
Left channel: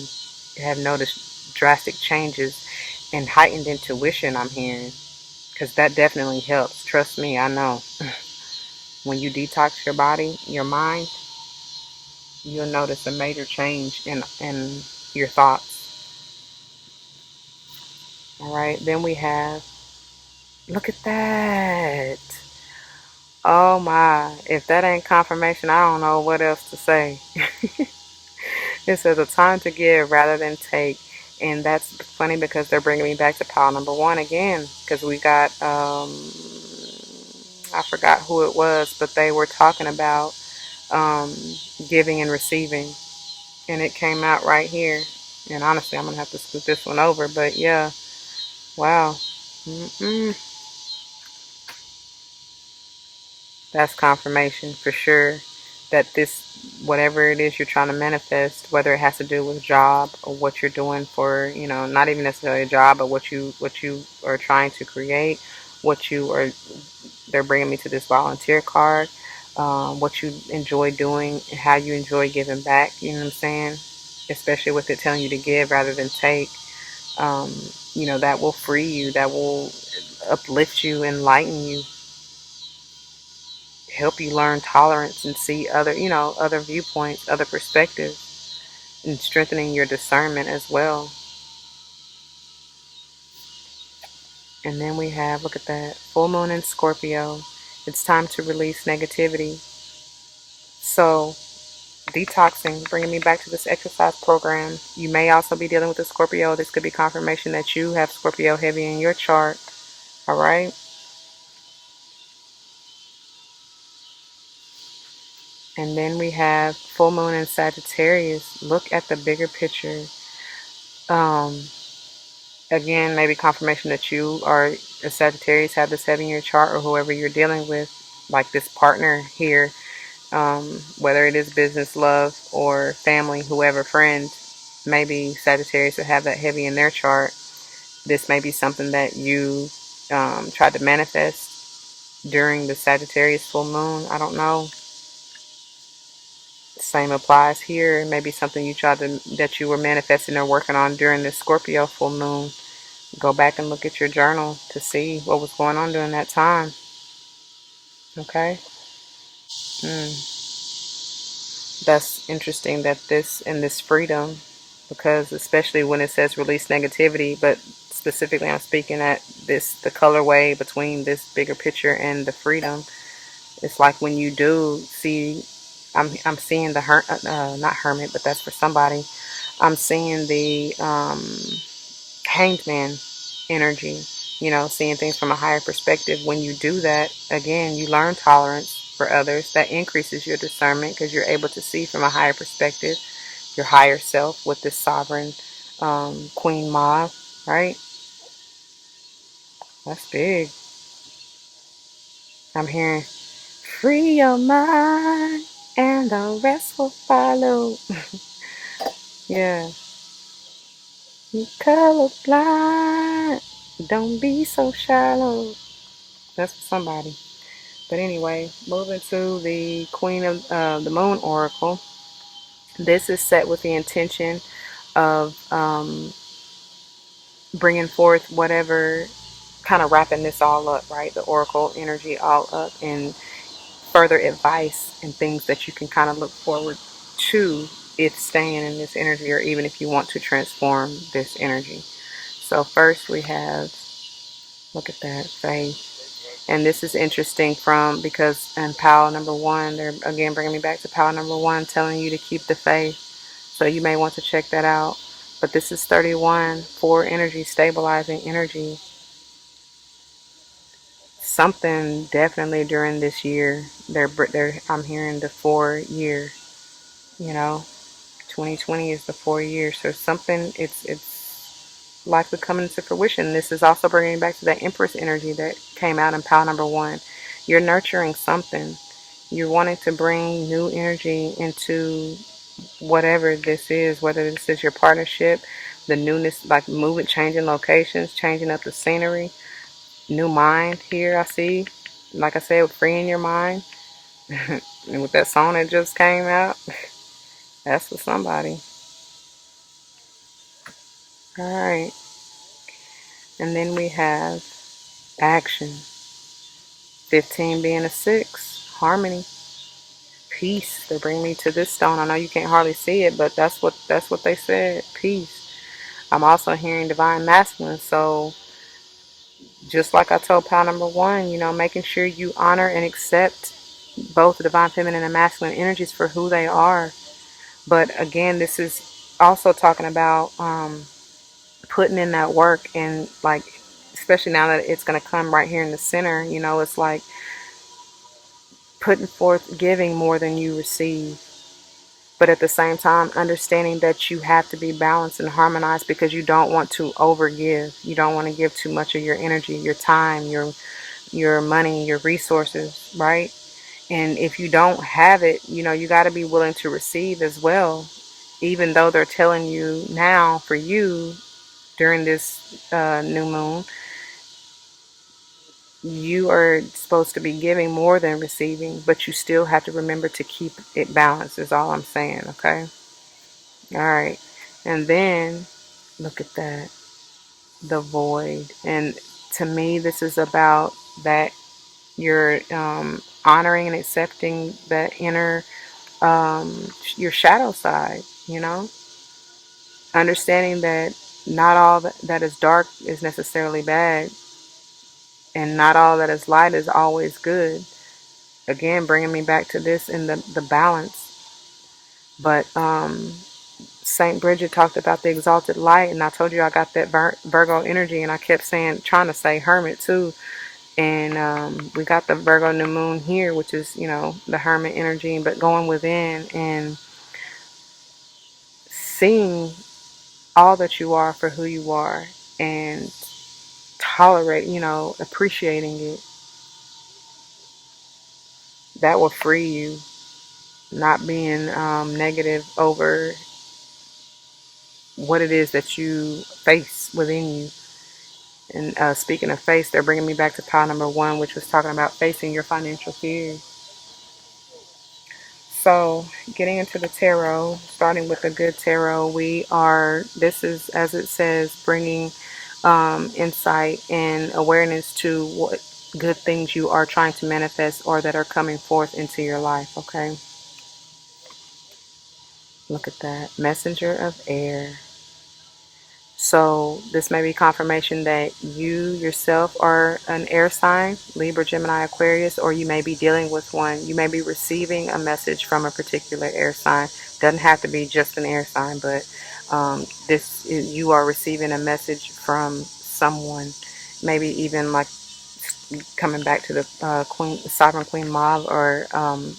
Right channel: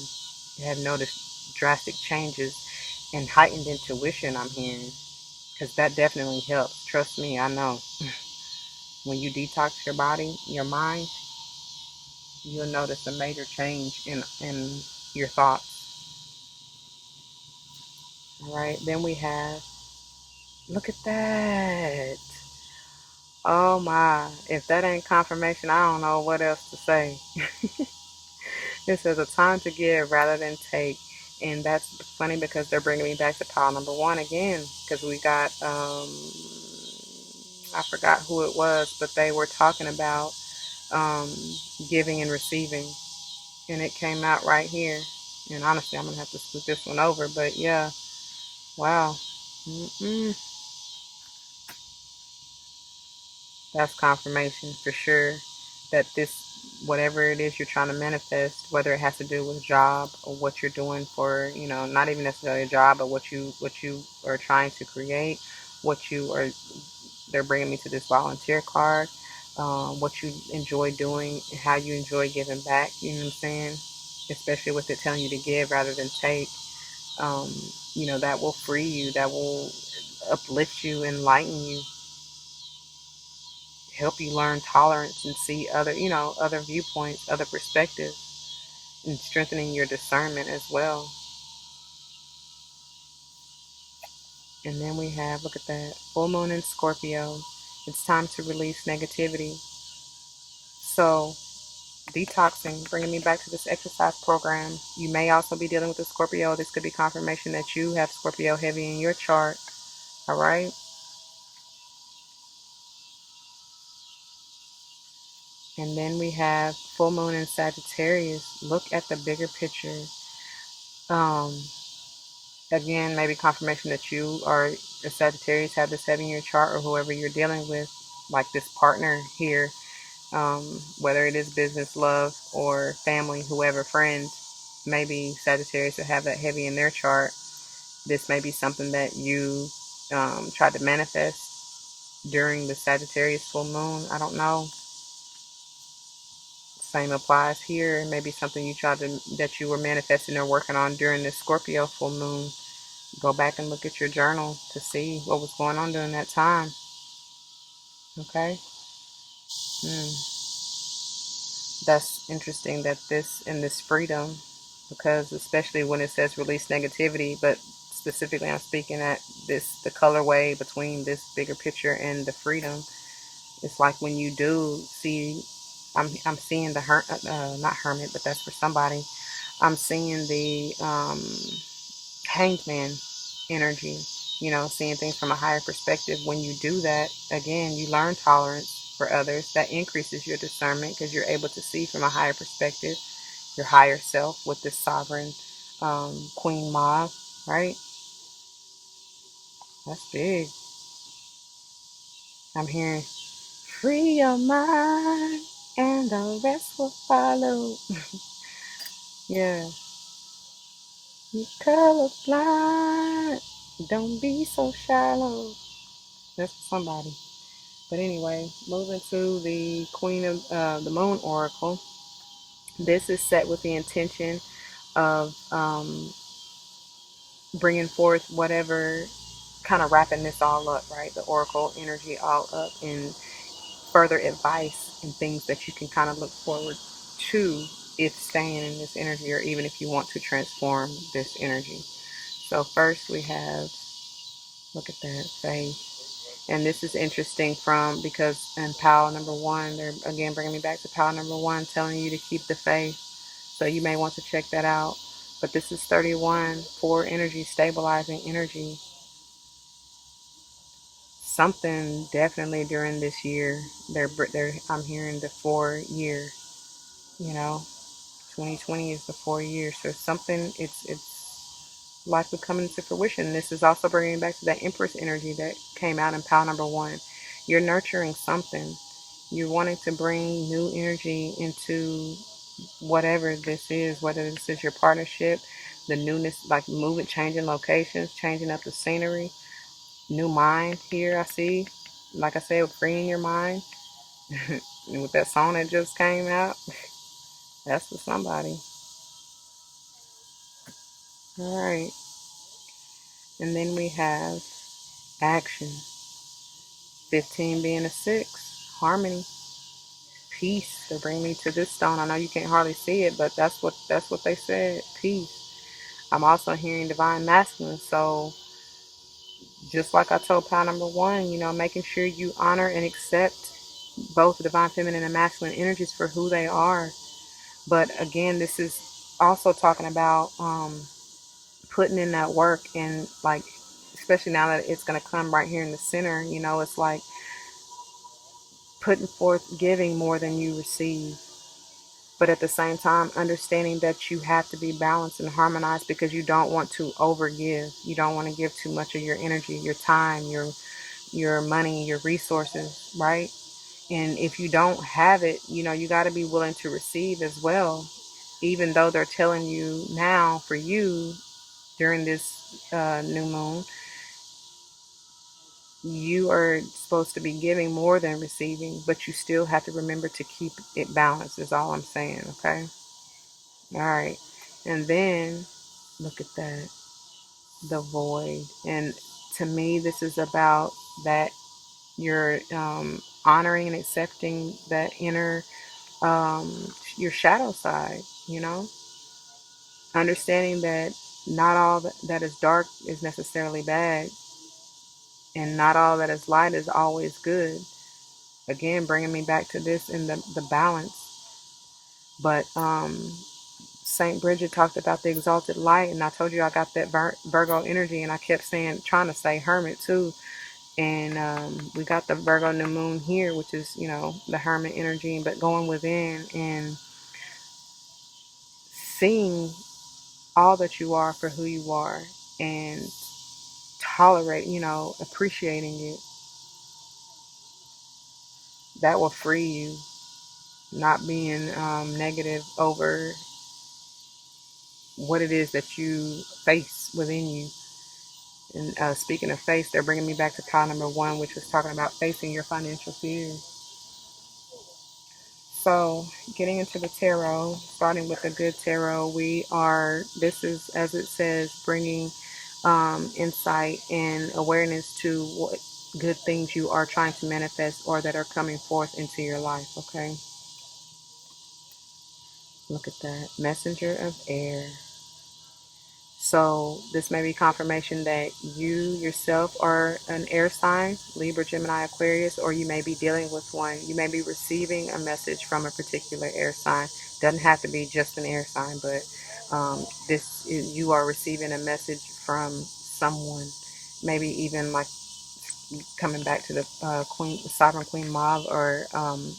have noticed drastic changes and heightened intuition. I'm hearing because that definitely helps. Trust me, I know. When you detox your body, your mind, you'll notice a major change in your thoughts. All right, then we have, look at that. Oh my, if that ain't confirmation, I don't know what else to say. It says a time to give rather than take. And that's funny because they're bringing me back to pile number one again. Because we got, I forgot who it was, but they were talking about um, giving and receiving. And it came out right here. And honestly, I'm going to have to scoot this one over. But yeah, wow. Mm-mm. That's confirmation for sure that this, whatever it is you're trying to manifest, whether it has to do with job or what you're doing for, not even necessarily a job, but what you are trying to create, what you are, they're bringing me to this volunteer card, what you enjoy doing, and how you enjoy giving back. You know what I'm saying? Especially with it telling you to give rather than take. Um, that will free you. That will uplift you, enlighten you, help you learn tolerance and see other viewpoints, other perspectives, and strengthening your discernment as well. And then we have, look at that, full moon in Scorpio. It's time to release negativity. So detoxing, bringing me back to this exercise program. You may also be dealing with a Scorpio. This could be confirmation that you have Scorpio heavy in your chart. All right. And then we have full moon in Sagittarius. Look at the bigger picture. Um, Again, maybe confirmation that you are a Sagittarius, have this heavy in your chart, or whoever you're dealing with, like this partner here, whether it is business, love, or family, whoever, friends, maybe Sagittarius will have that heavy in their chart. This may be something that you tried to manifest during the Sagittarius full moon. I don't know. Same applies here. Maybe something that you were manifesting or working on during the Scorpio full moon. Go back and look at your journal to see what was going on during that time. Okay? Mm. That's interesting that this freedom, because especially when it says release negativity, but specifically I'm speaking at the colorway between this bigger picture and the freedom. It's like when you do see, I'm seeing the not hermit, but that's for somebody. I'm seeing the hanged man energy, seeing things from a higher perspective. When you do that, again, you learn tolerance for others. That increases your discernment because you're able to see from a higher perspective, your higher self with this sovereign Queen Ma, right? That's big. I'm hearing, free your mind and the rest will follow. Yeah. You colorblind. Don't be so shallow. That's for somebody. But anyway, moving to the Queen of the Moon Oracle. This is set with the intention of bringing forth whatever, kind of wrapping this all up, right? The Oracle energy all up, and further advice and things that you can kind of look forward to if staying in this energy, or even if you want to transform this energy. So first we have, look at that, faith. And this is interesting because in pile number one, they're again bringing me back to pile number one, telling you to keep the faith. So you may want to check that out. But this is 31, 4 energy, stabilizing energy. Something definitely during this year, I'm hearing the 4 year, you know, 2020 is the 4 year. So something, it's likely coming to fruition. This is also bringing back to that Empress energy that came out in pile number 1. You're nurturing something. You're wanting to bring new energy into whatever this is, whether this is your partnership, the newness, like moving, changing locations, changing up the scenery, new mind here, I see. Like I said, freeing your mind. And with that song that just came out, that's for somebody. All right. And then we have action. 15 being a 6. Harmony. Peace. They bring me to this stone. I know you can't hardly see it, but that's what they said. Peace. I'm also hearing divine masculine. So just like I told pal number 1, making sure you honor and accept both the divine feminine and masculine energies for who they are. But again, this is also talking about putting in that work, and like, especially now that it's going to come right here in the center, it's like putting forth, giving more than you receive. But at the same time, understanding that you have to be balanced and harmonized, because you don't want to overgive. You don't want to give too much of your energy, your time, your money, your resources, right? And if you don't have it, you got to be willing to receive as well. Even though they're telling you now for you during this new moon, you are supposed to be giving more than receiving, but you still have to remember to keep it balanced, is all I'm saying, okay? All right. And then look at that, the void. And to me, this is about that you're honoring and accepting that inner, your shadow side, understanding that not all that is dark is necessarily bad, and not all that is light is always good. Again, bringing me back to this in the balance. But Saint Bridget talked about the exalted light, and I told you I got that Virgo energy, and I kept trying to say hermit too. And we got the Virgo new moon here, which is, the hermit energy, but going within and seeing all that you are for who you are, and tolerate, appreciating it. That will free you. Not being negative over what it is that you face within you. And speaking of face, they're bringing me back to pile number 1, which was talking about facing your financial fears. So, getting into the tarot, starting with the good tarot, this is, as it says, bringing insight and awareness to what good things you are trying to manifest or that are coming forth into your life, okay? Look at that. Messenger of air. So this may be confirmation that you yourself are an air sign, Libra, Gemini, Aquarius, or you may be dealing with one. You may be receiving a message from a particular air sign. Doesn't have to be just an air sign, but you are receiving a message from someone. Maybe even like coming back to the Sovereign Queen Mauve, or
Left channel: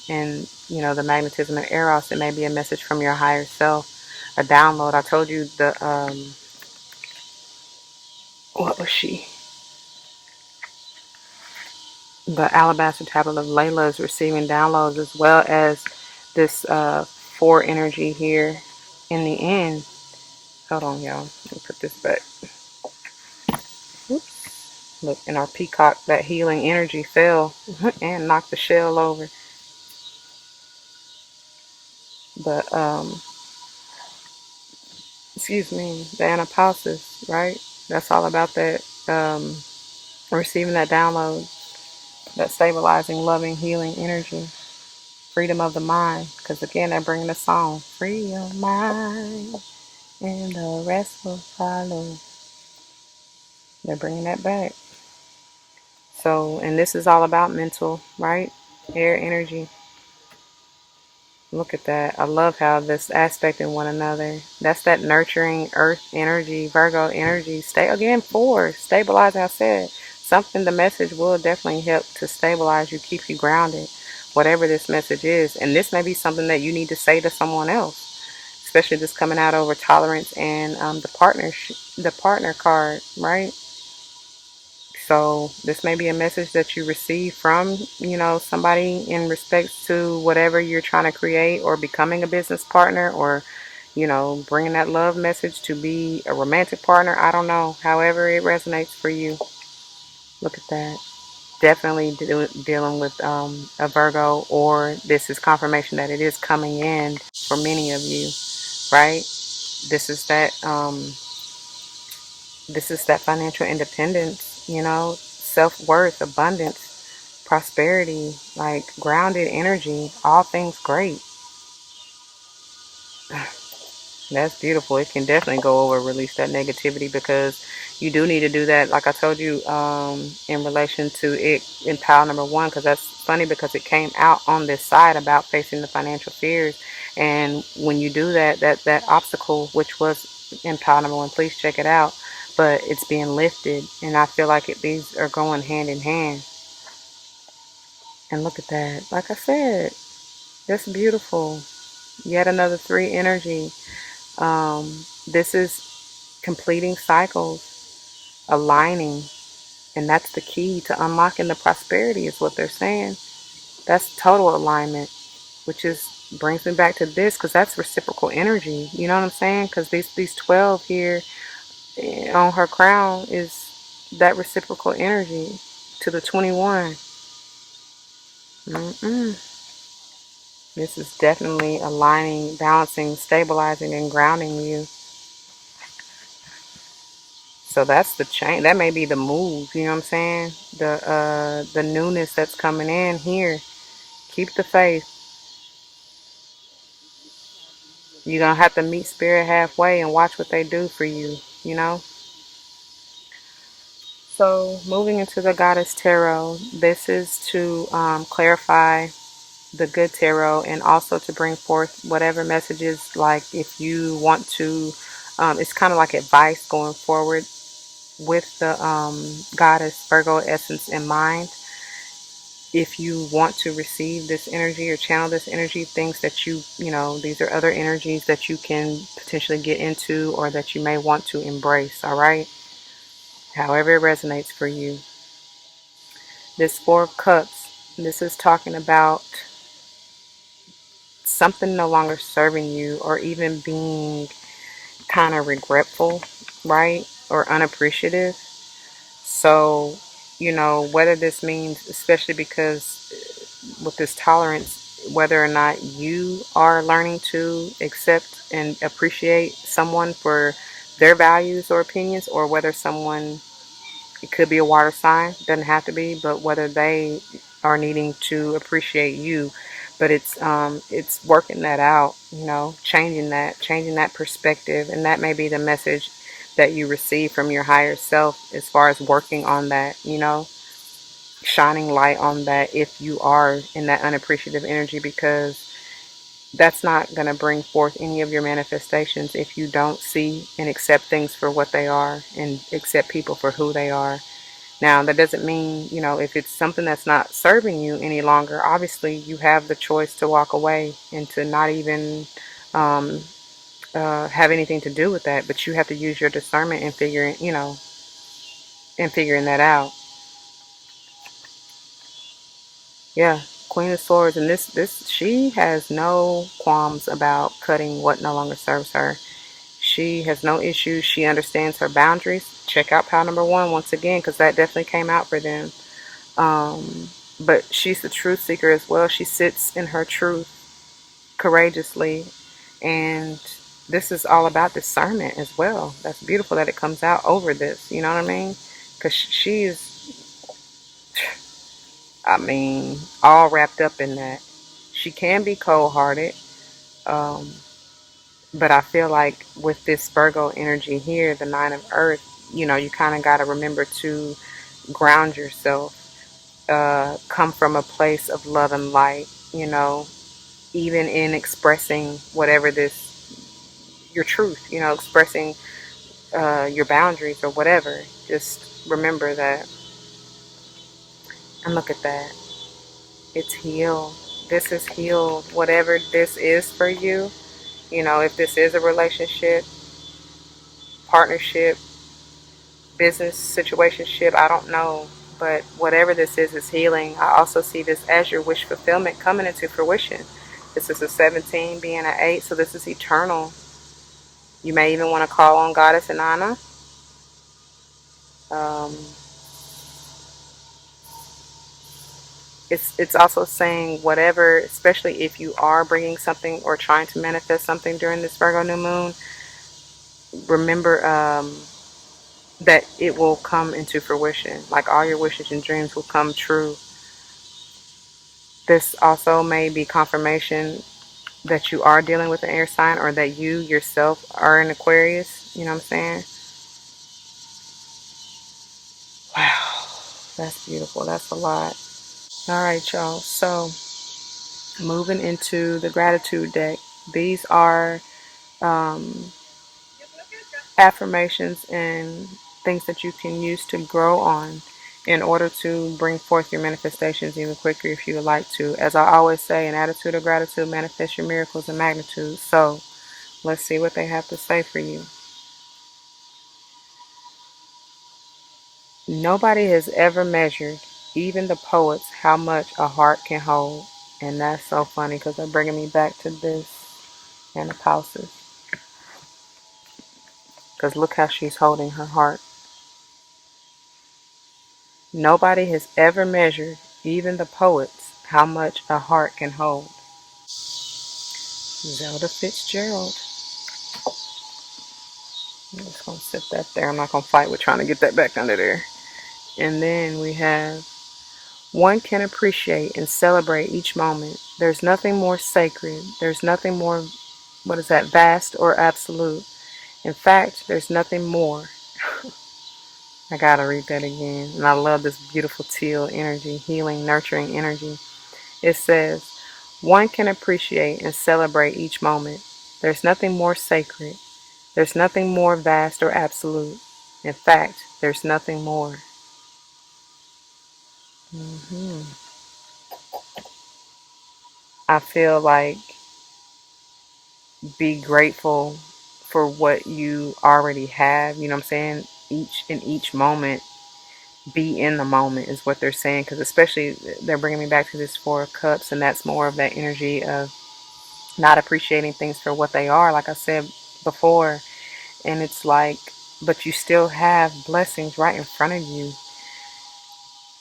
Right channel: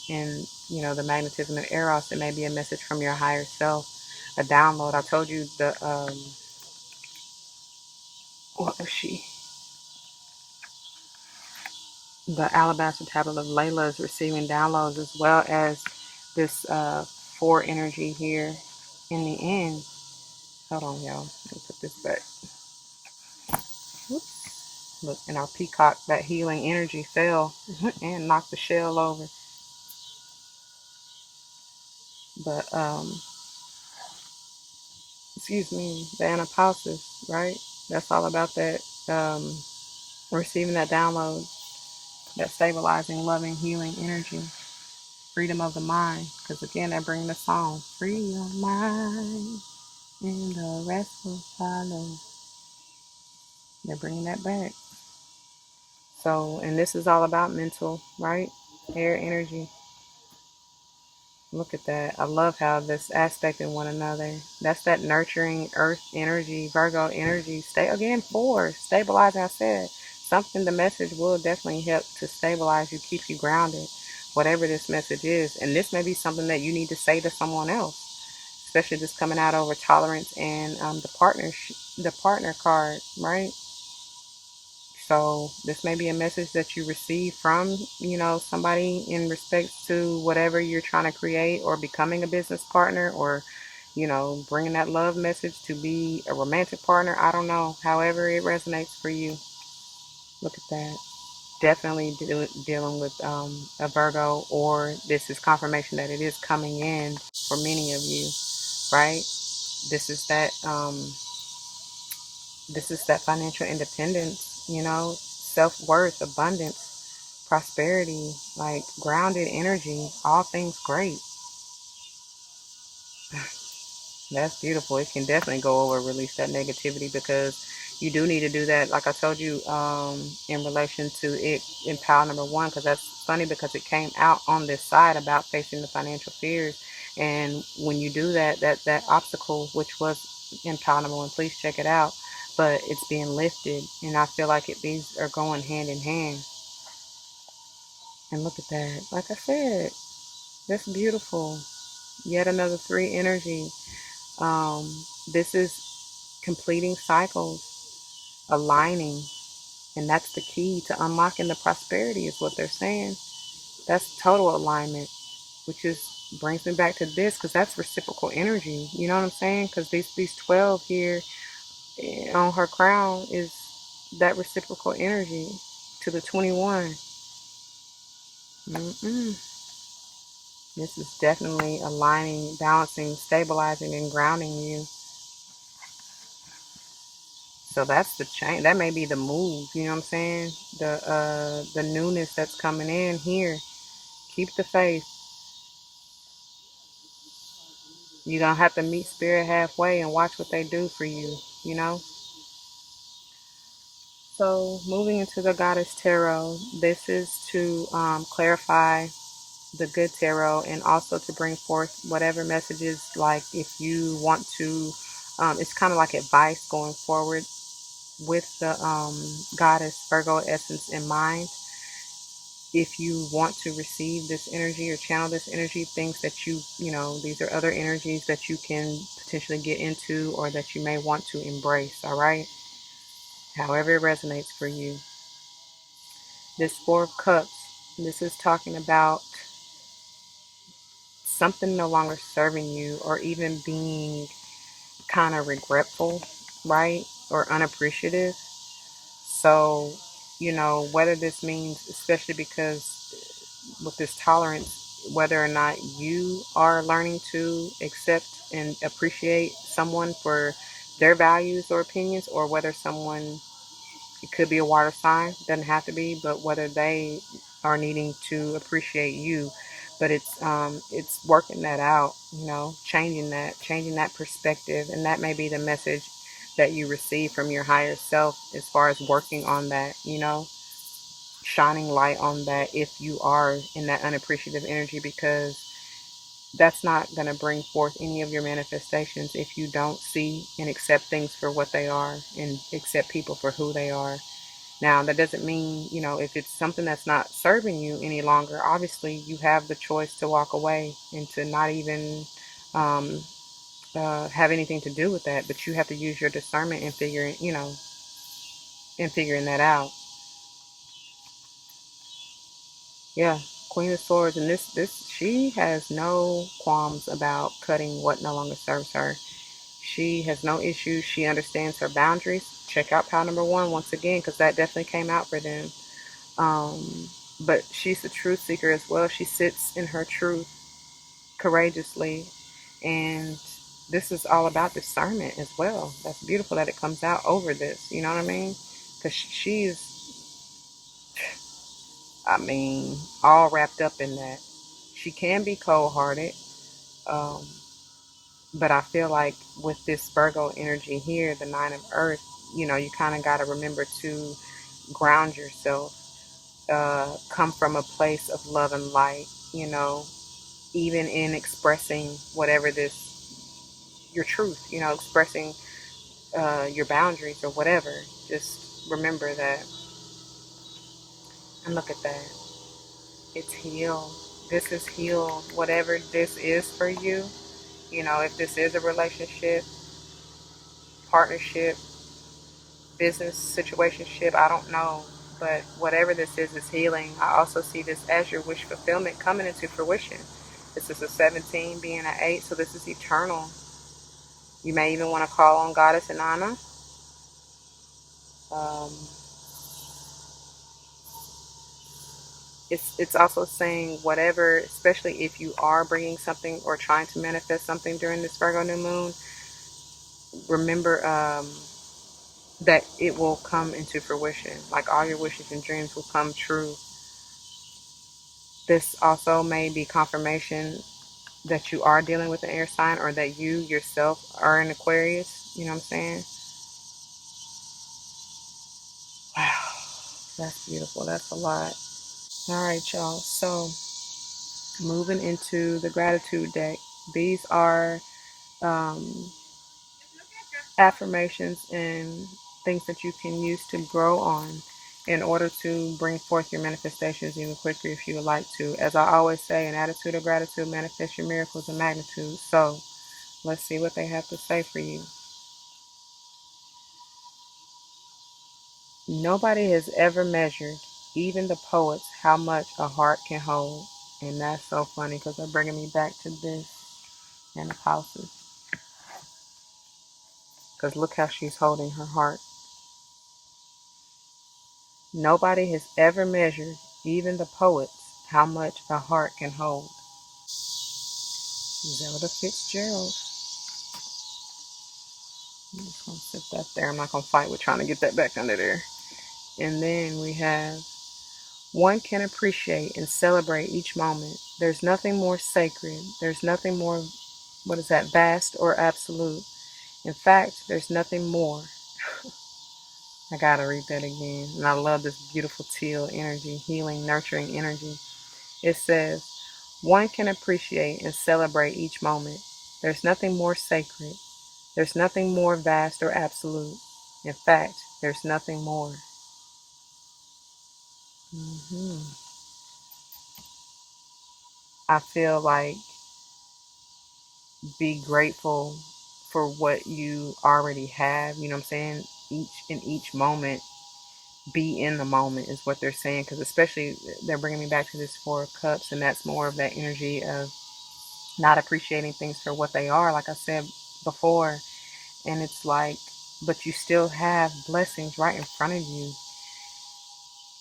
in the magnetism of Eros, it may be a message from your higher self, a download. I told you what was she? The Alabaster Tablet of Layla is receiving downloads, as well as this 4 energy here in the end. Hold on, y'all. Let me put this back. Oops. Look, and our peacock, that healing energy fell and knocked the shell over. But, excuse me, the anapausis, right? That's all about that, receiving that download, that stabilizing, loving, healing energy. Freedom of the mind, because again, they're bringing the song, free your mind and the rest will follow. They're bringing that back. So, and this is all about mental, right? Air energy. Look at that. I love how this aspect in one another. That's that nurturing earth energy, Virgo energy. Stay again, four, stabilize. I said something. The message will definitely help to stabilize you, keep you grounded, whatever this message is. And this may be something that you need to say to someone else, especially this coming out over tolerance and the partner card, right? So this may be a message that you receive from, somebody in respects to whatever you're trying to create or becoming a business partner or, bringing that love message to be a romantic partner. I don't know. However it resonates for you. Look at that. Definitely dealing with a Virgo, or this is confirmation that it is coming in for many of you, right? This is that financial independence, self-worth, abundance, prosperity, like grounded energy, all things great. That's beautiful. It can definitely go over, release that negativity, because you do need to do that. Like I told you, in relation to it in pile number one, because that's funny because it came out on this side about facing the financial fears. And when you do that, that obstacle, which was in pile number one, please check it out. But it's being lifted, and I feel like these are going hand in hand. And look at that. Like I said, that's beautiful. Yet another three energy. This is completing cycles, aligning, and that's the key to unlocking the prosperity, is what they're saying. That's total alignment, which is brings me back to this, because that's reciprocal energy. You know what I'm saying? Because these 12 here on her crown is that reciprocal energy to the 21. Mm-mm. This is definitely aligning, balancing, stabilizing, and grounding you. So that's the change. That may be the move. You know what I'm saying? The newness that's coming in here. Keep the faith. You're gonna have to meet spirit halfway and watch what they do for you. You know. So moving into the Goddess Tarot, this is to clarify the good tarot, and also to bring forth whatever messages. Like if you want to, it's kind of like advice going forward with the Goddess Virgo essence in mind. If you want to receive this energy or channel this energy, things that these are other energies that you can potentially get into, or that you may want to embrace, all right? However it resonates for you. This Four of Cups, this is talking about something no longer serving you, or even being kind of regretful, right? Or unappreciative. So, whether this means, especially because with this tolerance, whether or not you are learning to accept and appreciate someone for their values or opinions, or whether someone, it could be a water sign, doesn't have to be, but whether they are needing to appreciate you. But it's working that out, changing that perspective, and that may be the message that you receive from your higher self, as far as working on that, shining light on that if you are in that unappreciative energy, because that's not going to bring forth any of your manifestations if you don't see and accept things for what they are, and accept people for who they are. Now, that doesn't mean, if it's something that's not serving you any longer, obviously you have the choice to walk away and to not even um, have anything to do with that. But you have to use your discernment in figuring that out. Yeah, Queen of Swords, and this she has no qualms about cutting what no longer serves her. She has no issues. She understands her boundaries. Check out pile number one once again, because that definitely came out for them. Um, but she's a truth seeker as well. She sits in her truth courageously, and this is all about discernment as well. That's beautiful that it comes out over this. You know what I mean? Because I mean, all wrapped up in that. She can be cold-hearted, um, but I feel like with this Virgo energy here, the Nine of Earth, you kind of got to remember to ground yourself, come from a place of love and light, even in expressing whatever your truth, expressing your boundaries or whatever. Just remember that. And look at that. It's healed. This is healed. Whatever this is for you, if this is a relationship, partnership, business situationship, I don't know. But whatever this is healing. I also see this as your wish fulfillment coming into fruition. This is a 17 being an 8, so this is eternal. You may even want to call on Goddess Inanna. Um, it's also saying whatever, especially if you are bringing something or trying to manifest something during this Virgo new moon, remember that it will come into fruition. Like all your wishes and dreams will come true. This also may be confirmation that you are dealing with an air sign, or that you yourself are an Aquarius. You know what I'm saying? Wow, that's beautiful. That's a lot. All right, y'all. So moving into the gratitude deck. These are um, affirmations and things that you can use to grow on in order to bring forth your manifestations even quicker if you would like to. As I always say, an attitude of gratitude manifests your miracles in magnitude. So let's see what they have to say for you. Nobody has ever measured, even the poets, how much a heart can hold. And that's so funny because they're bringing me back to this and the houses. Because look how she's holding her heart. Nobody has ever measured, even the poets, how much a heart can hold. Zelda Fitzgerald. I'm just going to sit that there. I'm not going to fight with trying to get that back under there. And then we have, one can appreciate and celebrate each moment. There's nothing more sacred. There's nothing more, what is that, vast or absolute. In fact, there's nothing more. I got to read that again. And I love this beautiful teal energy, healing, nurturing energy. It says, one can appreciate and celebrate each moment. There's nothing more sacred. There's nothing more vast or absolute. In fact, there's nothing more. I feel like be grateful for what you already have. You know what I'm saying? Each moment, be in the moment is what they're saying. Because especially they're bringing me back to this Four of Cups, and that's more of that energy of not appreciating things for what they are. Like I said before, and it's like, but you still have blessings right in front of you.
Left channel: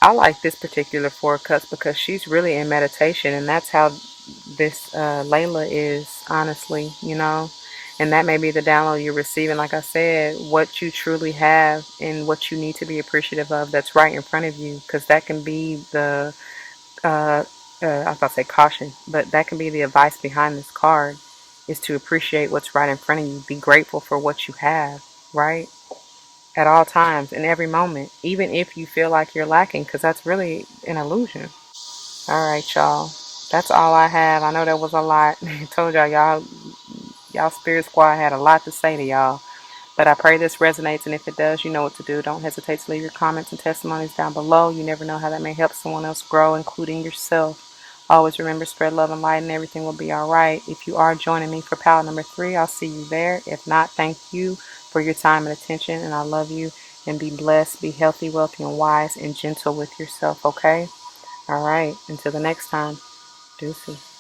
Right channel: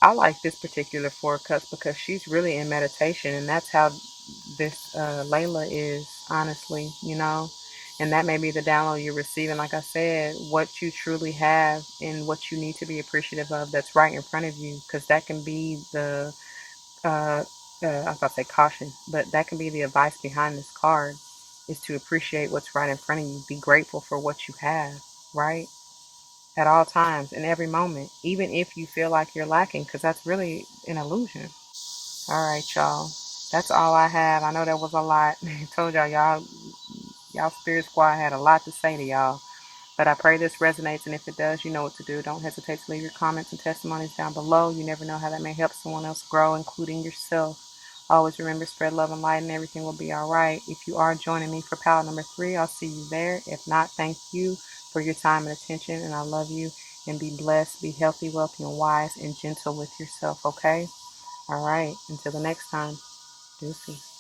I like this particular Four of Cups because she's really in meditation, and that's how this Layla is, honestly, and that may be the download you're receiving. Like I said, what you truly have and what you need to be appreciative of that's right in front of you, because that can be the I was about to say caution, but that can be the advice behind this card, is to appreciate what's right in front of you. Be grateful for what you have, right? At all times, in every moment, even if you feel like you're lacking, because that's really an illusion. All right, y'all. That's all I have. I know that was a lot. I told y'all Spirit Squad had a lot to say to y'all. But I pray this resonates, and if it does, you know what to do. Don't hesitate to leave your comments and testimonies down below. You never know how that may help someone else grow, including yourself. Always remember, spread love and light, and everything will be all right. If you are joining me for Power number 3, I'll see you there. If not, thank you for your time and attention, and I love you. And be blessed, be healthy, wealthy, and wise, and gentle with yourself, okay? All right. Until the next time, deuces.